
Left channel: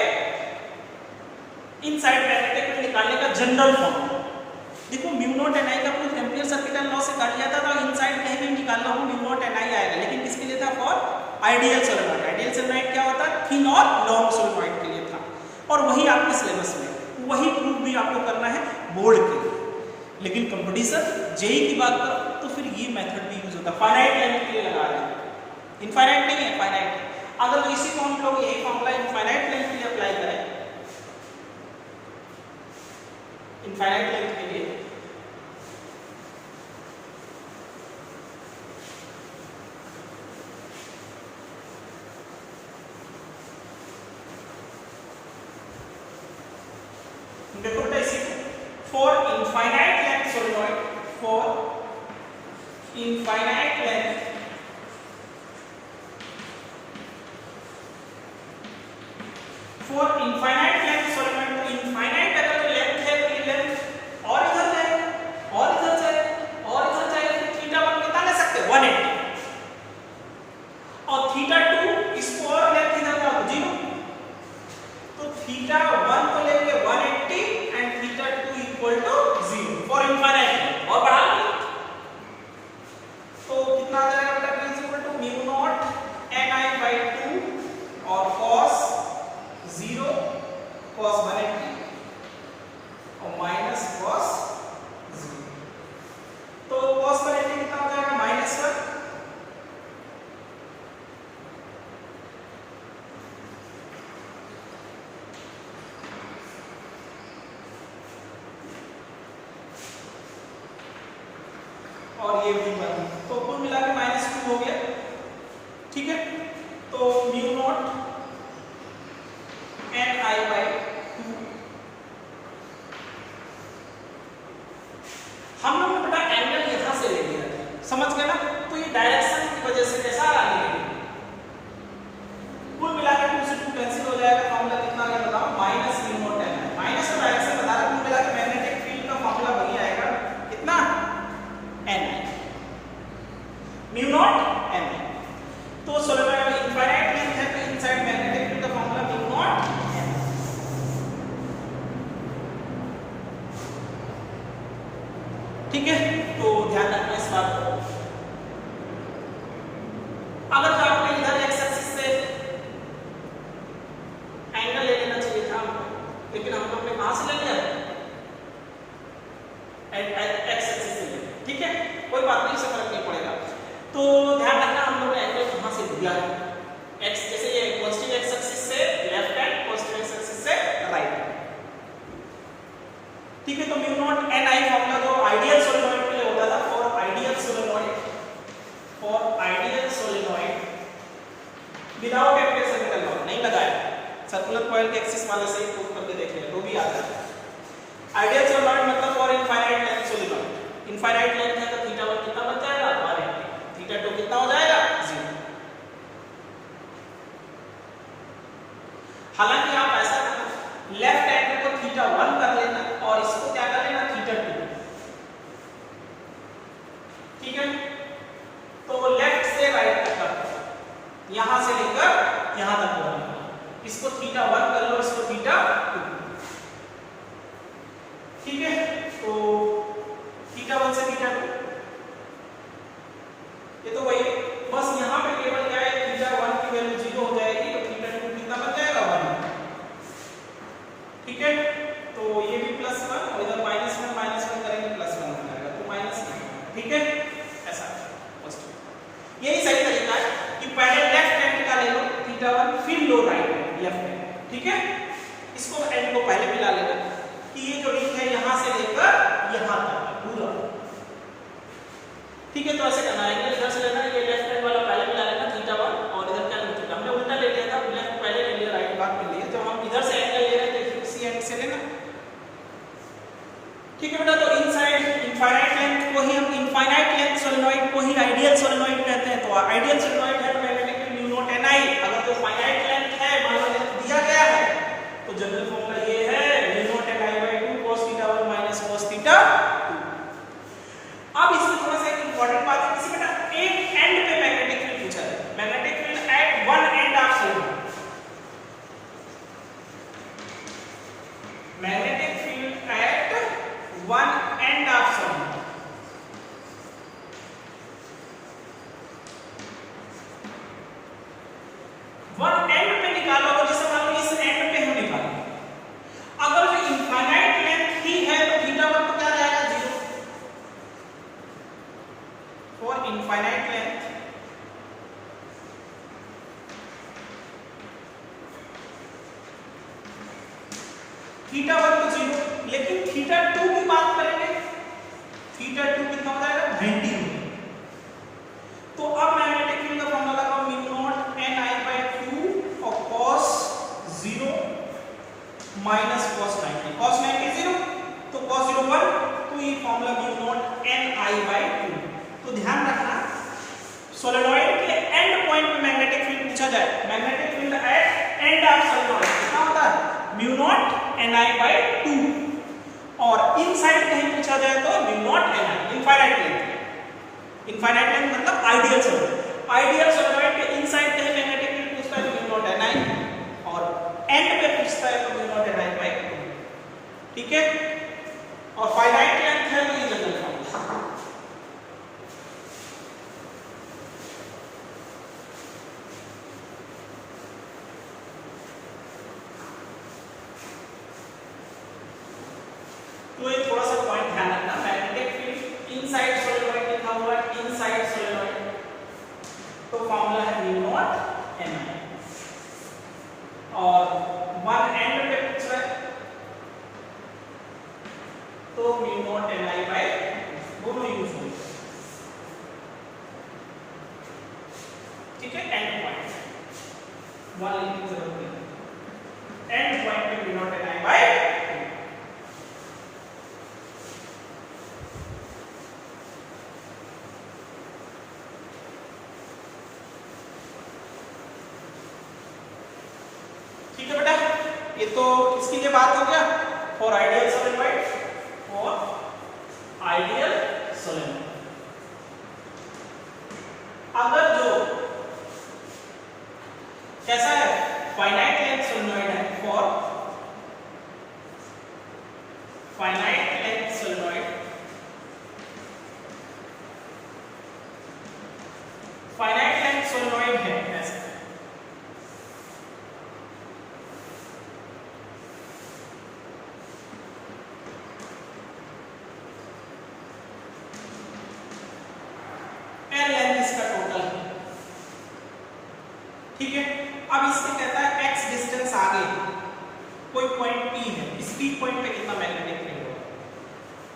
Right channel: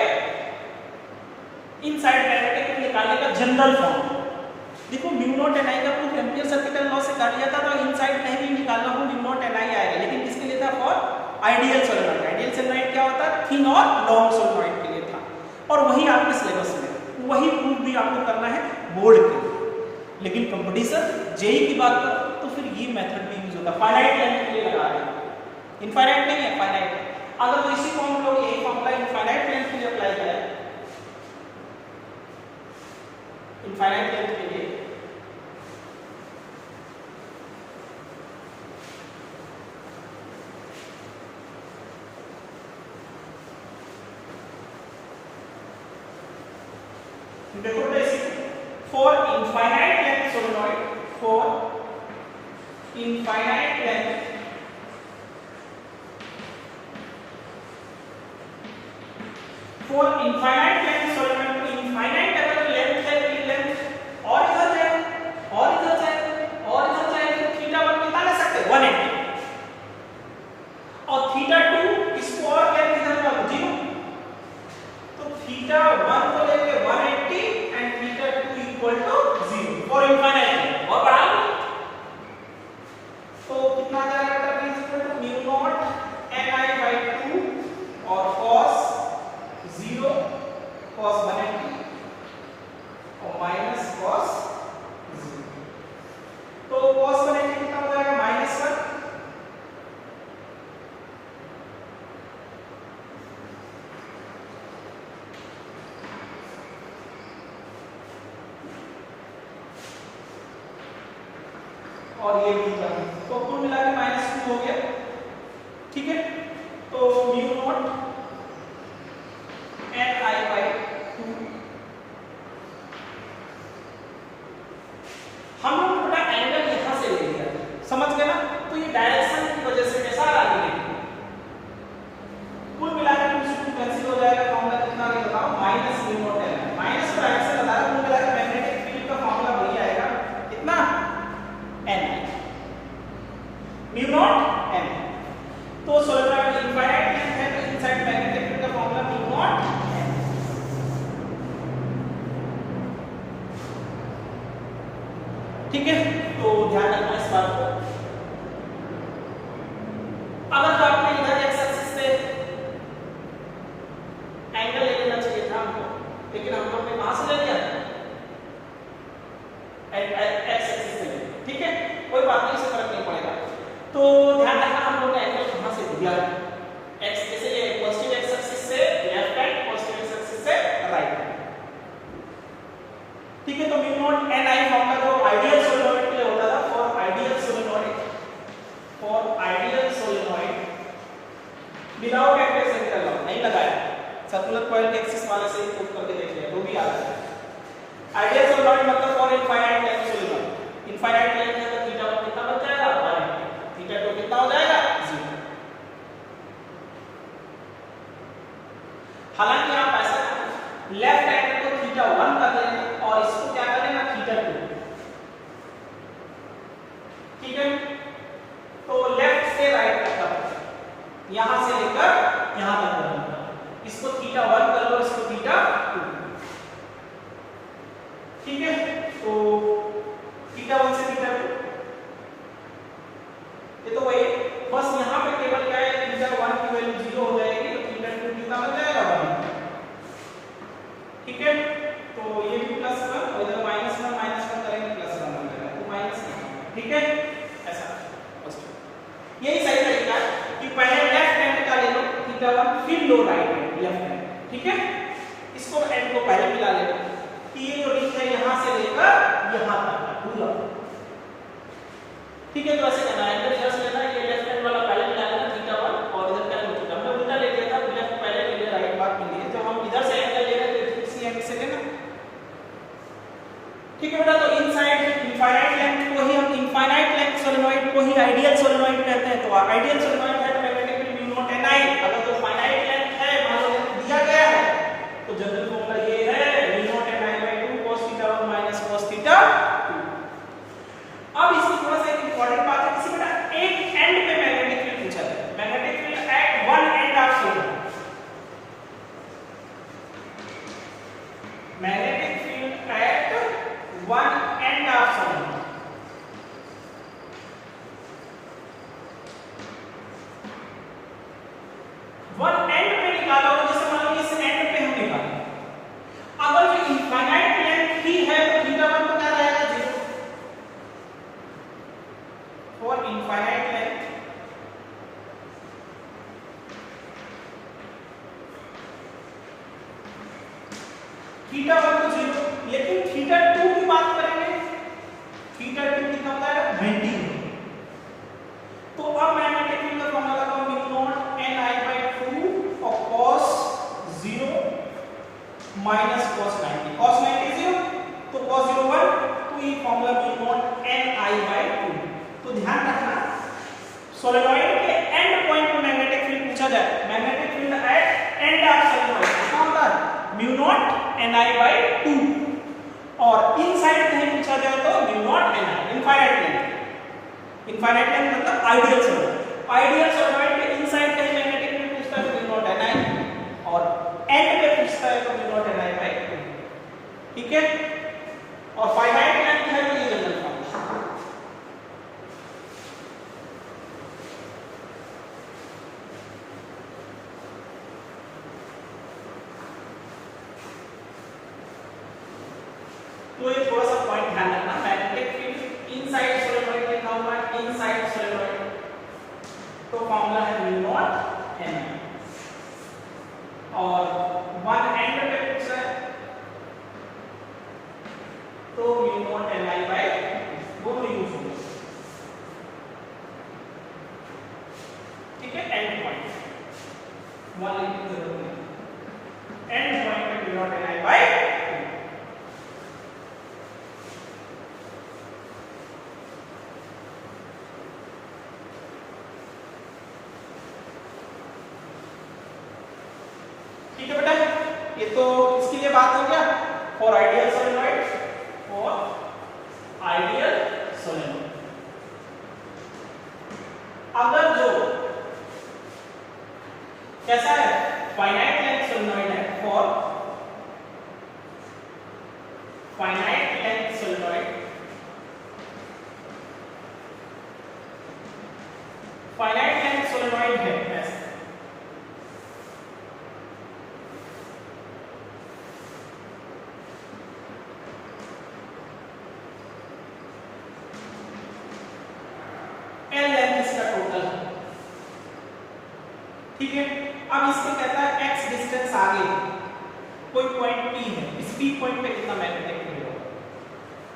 इनसाइड मैग्नेटिक फील्ड निकालने का जनरल फॉर्म देखो, म्यू नॉट ni का प्रूफ एम्पियर सर्किटल लॉ से कर लिया था, तो इनसाइड कहीं भी निकालना हो म्यू नॉट ni आएगा, लेकिन किसके लिए था, for ideal solenoid. Ideal solenoid क्या होता है, थिन और लॉन्ग सोलेनॉइड के लिए था, और वही आपके सिलेबस में वही प्रूफ भी आपको करना है बोर्ड के लिए। लेकिन कंपटीशन जेई की बात करो तो फिर ये मेथड भी यूज होता है, फाइनाइट लेंथ के लिए लगा रहे हैं, इनफाइनाइट नहीं है, फाइनाइट। अगर तो इसी को हम लोग यही फॉर्मूला इनफाइनाइट लेंथ के लिए अप्लाई करें, इनफाइनाइट लेंथ के लिए देखो बेटा, इसी for infinite length solenoid, for infinite length solenoid, तो इनफाइनाइट अगर लेंथ है तो ये लेंथ और इधर जाए और इधर जाए और इधर जाए, तो थीटा 1 कितना ले सकते हैं, 180, और थीटा 2 इसको और लेंथ इधर जाओ 0, तो थीटा 1 तो लेंगे 180 एंड थीटा 2 = 0 फॉर इनफाइनाइट, और बढ़ा लो तो कितना आ जाएगा बेटा, v = म्यू नॉट ni/2 और cos 0 cos 180 और माइनस cos 0, तो cos 180 कितना हो जाएगा, -1 और ये V1, तो कुल मिला के -2 हो गया। ठीक है, तो म्यू नॉट Ni/2 हम लोग ने बेटा एंगल यहां से ले लिया, समझ गए ना? तो ये डायरेक्शन की वजह से कैसा आ रहा है, कुल मिलाकर 2 से 2 कैंसिल हो जाएगा। फॉर्मूला कितना आ गया बताओ, minus mu naught Ni। Minus तो डायरेक्शन बता रहा, कुल मिलाकर मैग्नेटिक फील्ड का फॉर्मूला वही आएगा, कितना Ni, म्यू नॉट Ni। तो सोलेनॉइड इनफाइनाइट लेंथ है, तो इनसाइड मैग्नेटिक फील्ड का फॉर्मूला म्यू नॉट Ni। ठीक है, तो ध्यान रखना इस बात को। अगर आपने इधर एक्स एक्सिस से एंगल ले लेना चाहिए था हमको, लेकिन हम लोग ने कहां से ले लिया, एक्स एक्सिस से। ठीक है, कोई बात नहीं, इससे फर्क नहीं पड़ेगा। तो ध्यान रखना हम लोग ने एंगल कहां से दिया है, एक्स जैसे कि पॉजिटिव एक्स एक्सिस से left hand, positive x axis से राइट हैंड। ठीक है, तो म्यू नॉट Ni फॉर्मूला जो आइडियल सोलेनॉइड के लिए होता था, for ideal solenoid without active circuital law नहीं लगाया, सर्कुलर कॉइल के एक्सिस वाले से ही प्रूव करके देखिए तो भी आ जाएगा। आइडियल सोलेनॉइड मतलब for infinite length solenoid, infinite length है तो θ1 कितना बच जाएगा 1, θ2 कितना हो जाएगा 0। हालांकि आप ऐसा लेफ्ट एंगल को θ1 कर लेना और इसको क्या कर लेना θ2। ठीक है, तो लेफ्ट से राइट तक, यहां से लेकर यहां तक होगा, इसको θ1 कर लो, इसको θ2। ठीक है, तो θ1 से θ2 ये तो वही, बस यहां पे केवल क्या है, θ1 की वैल्यू 0 हो जाएगी, तो θ2 कितना बन जाएगा 1। ठीक है, तो ये भी +1 और इधर -1 करेंगे +1 हो जाएगा, तो -1। ठीक है, ऐसा यही सही तरीका है कि पहले लेफ्ट हैंड का ले लो θ1, फिर लो राइट हैंड लेफ्ट हैंड। ठीक है, इसको एंड को पहले मिला लेना कि ये जो रिंग है यहां से लेकर यहां तक पूरा। ठीक है, तो ऐसे करना है, इधर से लेना, ये लेफ्ट हैंड वाला पहले मिला लेना θ1 और इधर क्या लो, हमने उल्टा ले लिया था, लेफ्ट पहले ले लिया, राइट बाद में लिए, तो हम इधर से एंगल ले रहे थे, फिर इसी एंगल से लेना। ठीक है बेटा, तो इनसाइड इनफाइनाइट लेंथ को ही हम इनफाइनाइट लेंथ सोलेनॉइड को ही आइडियल सोलेनॉइड कहते हैं। तो आइडियल सोलेनॉइड है तो मैग्नेटिक म्यू नॉट Ni, अगर तो फाइनाइट लेंथ है, मान लो लेंथ दिया गया है, तो जनरल फॉर्मूला ये है mu naught Ni/2 cos θ1 - cos θ2। अब इसमें थोड़ा सा एक इंपॉर्टेंट बात है, किसी बेटा एक एंड पे मैग्नेटिक फील्ड पूछा है, magnetic field at one end of solenoid, magnetic field at one end of solenoid. One and पे निकालोगे, जैसे मान लो इस एंड पे हम निकालें, अगर जो इनफाइनाइट लेंथ ही है तो θ1 तो क्या रहेगा 0, फॉर इनफाइनाइट लेंथ θ1 तो 0, लेकिन θ2 की बात करेंगे, θ2 कितना होता है 90। तो अब मैग्नेटिक फील्ड का फॉर्मूला लगाओ, म्यू नॉट Ni/2 और cos 0 माइनस cos 90, cos 90 0, तो cos 0 1, तो ये फॉर्मूला म्यू नॉट Ni/2। तो ध्यान रखना, सोलेनॉइड के एंड पॉइंट पे मैग्नेटिक फील्ड पूछा जाए, magnetic field at end of solenoid कितना होता है म्यू नॉट Ni/2, और इनसाइड कहीं पूछा जाए तो mu not Ni, infinite length. Infinite length मतलब आइडियल सोलेनॉइड, आइडियल सोलेनॉइड के इनसाइड कहीं मैग्नेटिक फील्ड पूछता है तो म्यू नॉट Ni, और एंड पे पूछता है तो म्यू नॉट Ni/2। ठीक है, और फाइनाइट लेंथ है तो ये जनरल फॉर्मूला। तो ये थोड़ा सा पॉइंट ध्यान रखना, मैग्नेटिक फील्ड इनसाइड सोलेनॉइड लिखा हुआ है, इनसाइड सोलेनॉइड, तो फॉर्मूला है म्यू नॉट Ni, और वन एंड पे पूछ रहा है तो म्यू नॉट Ni/2 दोनों यूज होंगे। 1 लिखने की जरूरत नहीं, एंड पॉइंट पे v नॉट ni बाय 2। ठीक है बेटा, ये तो इसकी लिए बात हो गया for ideal solenoid, for ideal solenoid. अगर जो कैसा है, फाइनाइट लेंथ सोलेनॉइड है, for finite length solenoid, finite length solenoid है ऐसा, एल लेंथ इसका टोटल है। ठीक है, अब इसमें कहता है x डिस्टेंस आगे कोई पॉइंट P है, इस P पॉइंट पे कितना मैग्नेटिक फील्ड होगा,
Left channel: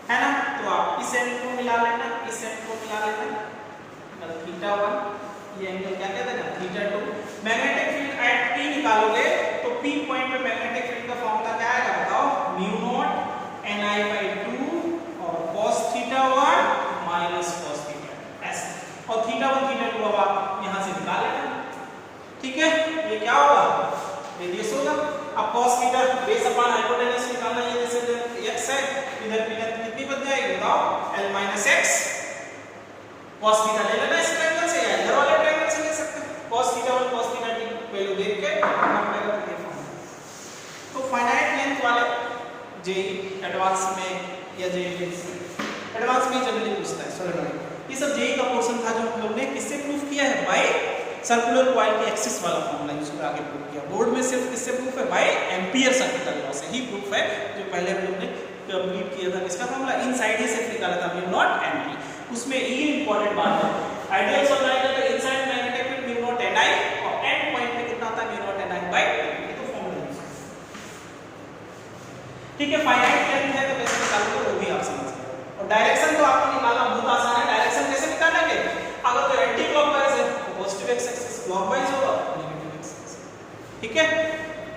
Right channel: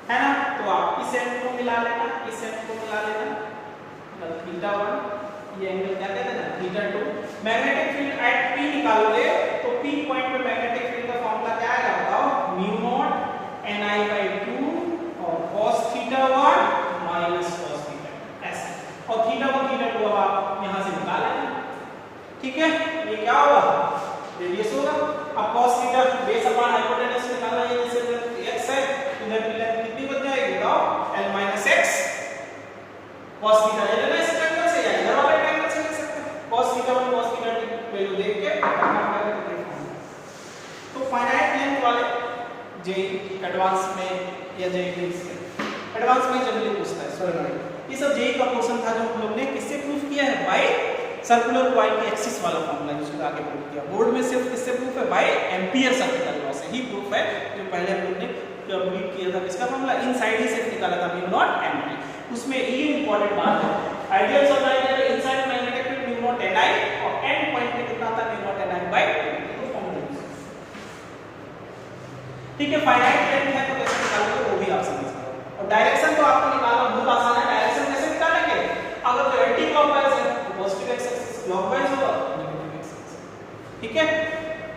है ना। तो आप इस एंड को मिला लेना, इस एंड को मिला लेना, θ1, ये एंगल क्या कहते हैं ना, θ2। मैग्नेटिक फील्ड एट P निकालोगे तो P पॉइंट पे मैग्नेटिक फील्ड का फॉर्मूला क्या आएगा बताओ, μ0 ni/2 और cos θ1 माइनस cos θ ऐसे, और θ1 θ2 अब आप यहां से निकाल लेना। ठीक है, ये क्या होगा, रेडियस होगा। अब cos theta base upon hypotenuse निकालना, ये जैसे x है, इधर की लेंथ कितनी बन जाएगी बताओ, l - x। cos थीटा ले लेना इस ट्रायंगल से या इधर वाले ट्रायंगल से ले सकते हैं, cos θ1 cos θ2 की वैल्यू देख के अपना पता करके फॉर्मूला। तो फाइनाइट लेंथ वाले जे एडवांस में या जे फिक्स में, एडवांस में जनरली पूछता है सोलेनॉइड, ये सब जेई का पोर्शन था जो हम लोग ने किससे प्रूफ किया है, बाय सर्कुलर कॉइल की एक्सिस वाला फॉर्मूला यूज कर आगे प्रूफ किया। बोर्ड में सिर्फ किससे प्रूफ है, बाय एम्पियर सर्किटल लॉ से ही प्रूफ है, जो पहले हम लोग ने कंप्लीट किया था। किसका फॉर्मूला, इनसाइड ही सिर्फ निकाला था μ0 ni। उसमें ये इंपॉर्टेंट बात है, आइडियल सोलेनॉइड है तो इनसाइड मैग्नेटिक फील्ड μ0 ni और एंड पॉइंट पे कितना था μ0 ni बाय 2, तो फॉर्मूला यूज। ठीक है, फाइनाइट लेंथ है तो कैसे निकालोगे वो भी आप समझ गए, और डायरेक्शन तो आपको निकालना बहुत आसान है। डायरेक्शन कैसे निकालेंगे, अगर तो एंटी क्लॉकवाइज है तो पॉजिटिव एक्स एक्सिस, क्लॉकवाइज होगा नेगेटिव एक्स एक्सिस। ठीक है,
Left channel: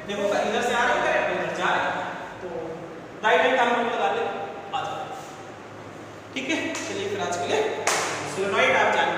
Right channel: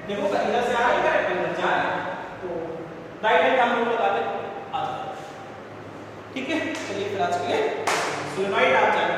देखो इधर से आ रहा है करंट, इधर जा रहा है, तो राइट हैंड का हम लगा ले आ जाए। ठीक है, चलिए फिर आज के लिए सोलेनॉइड आप जान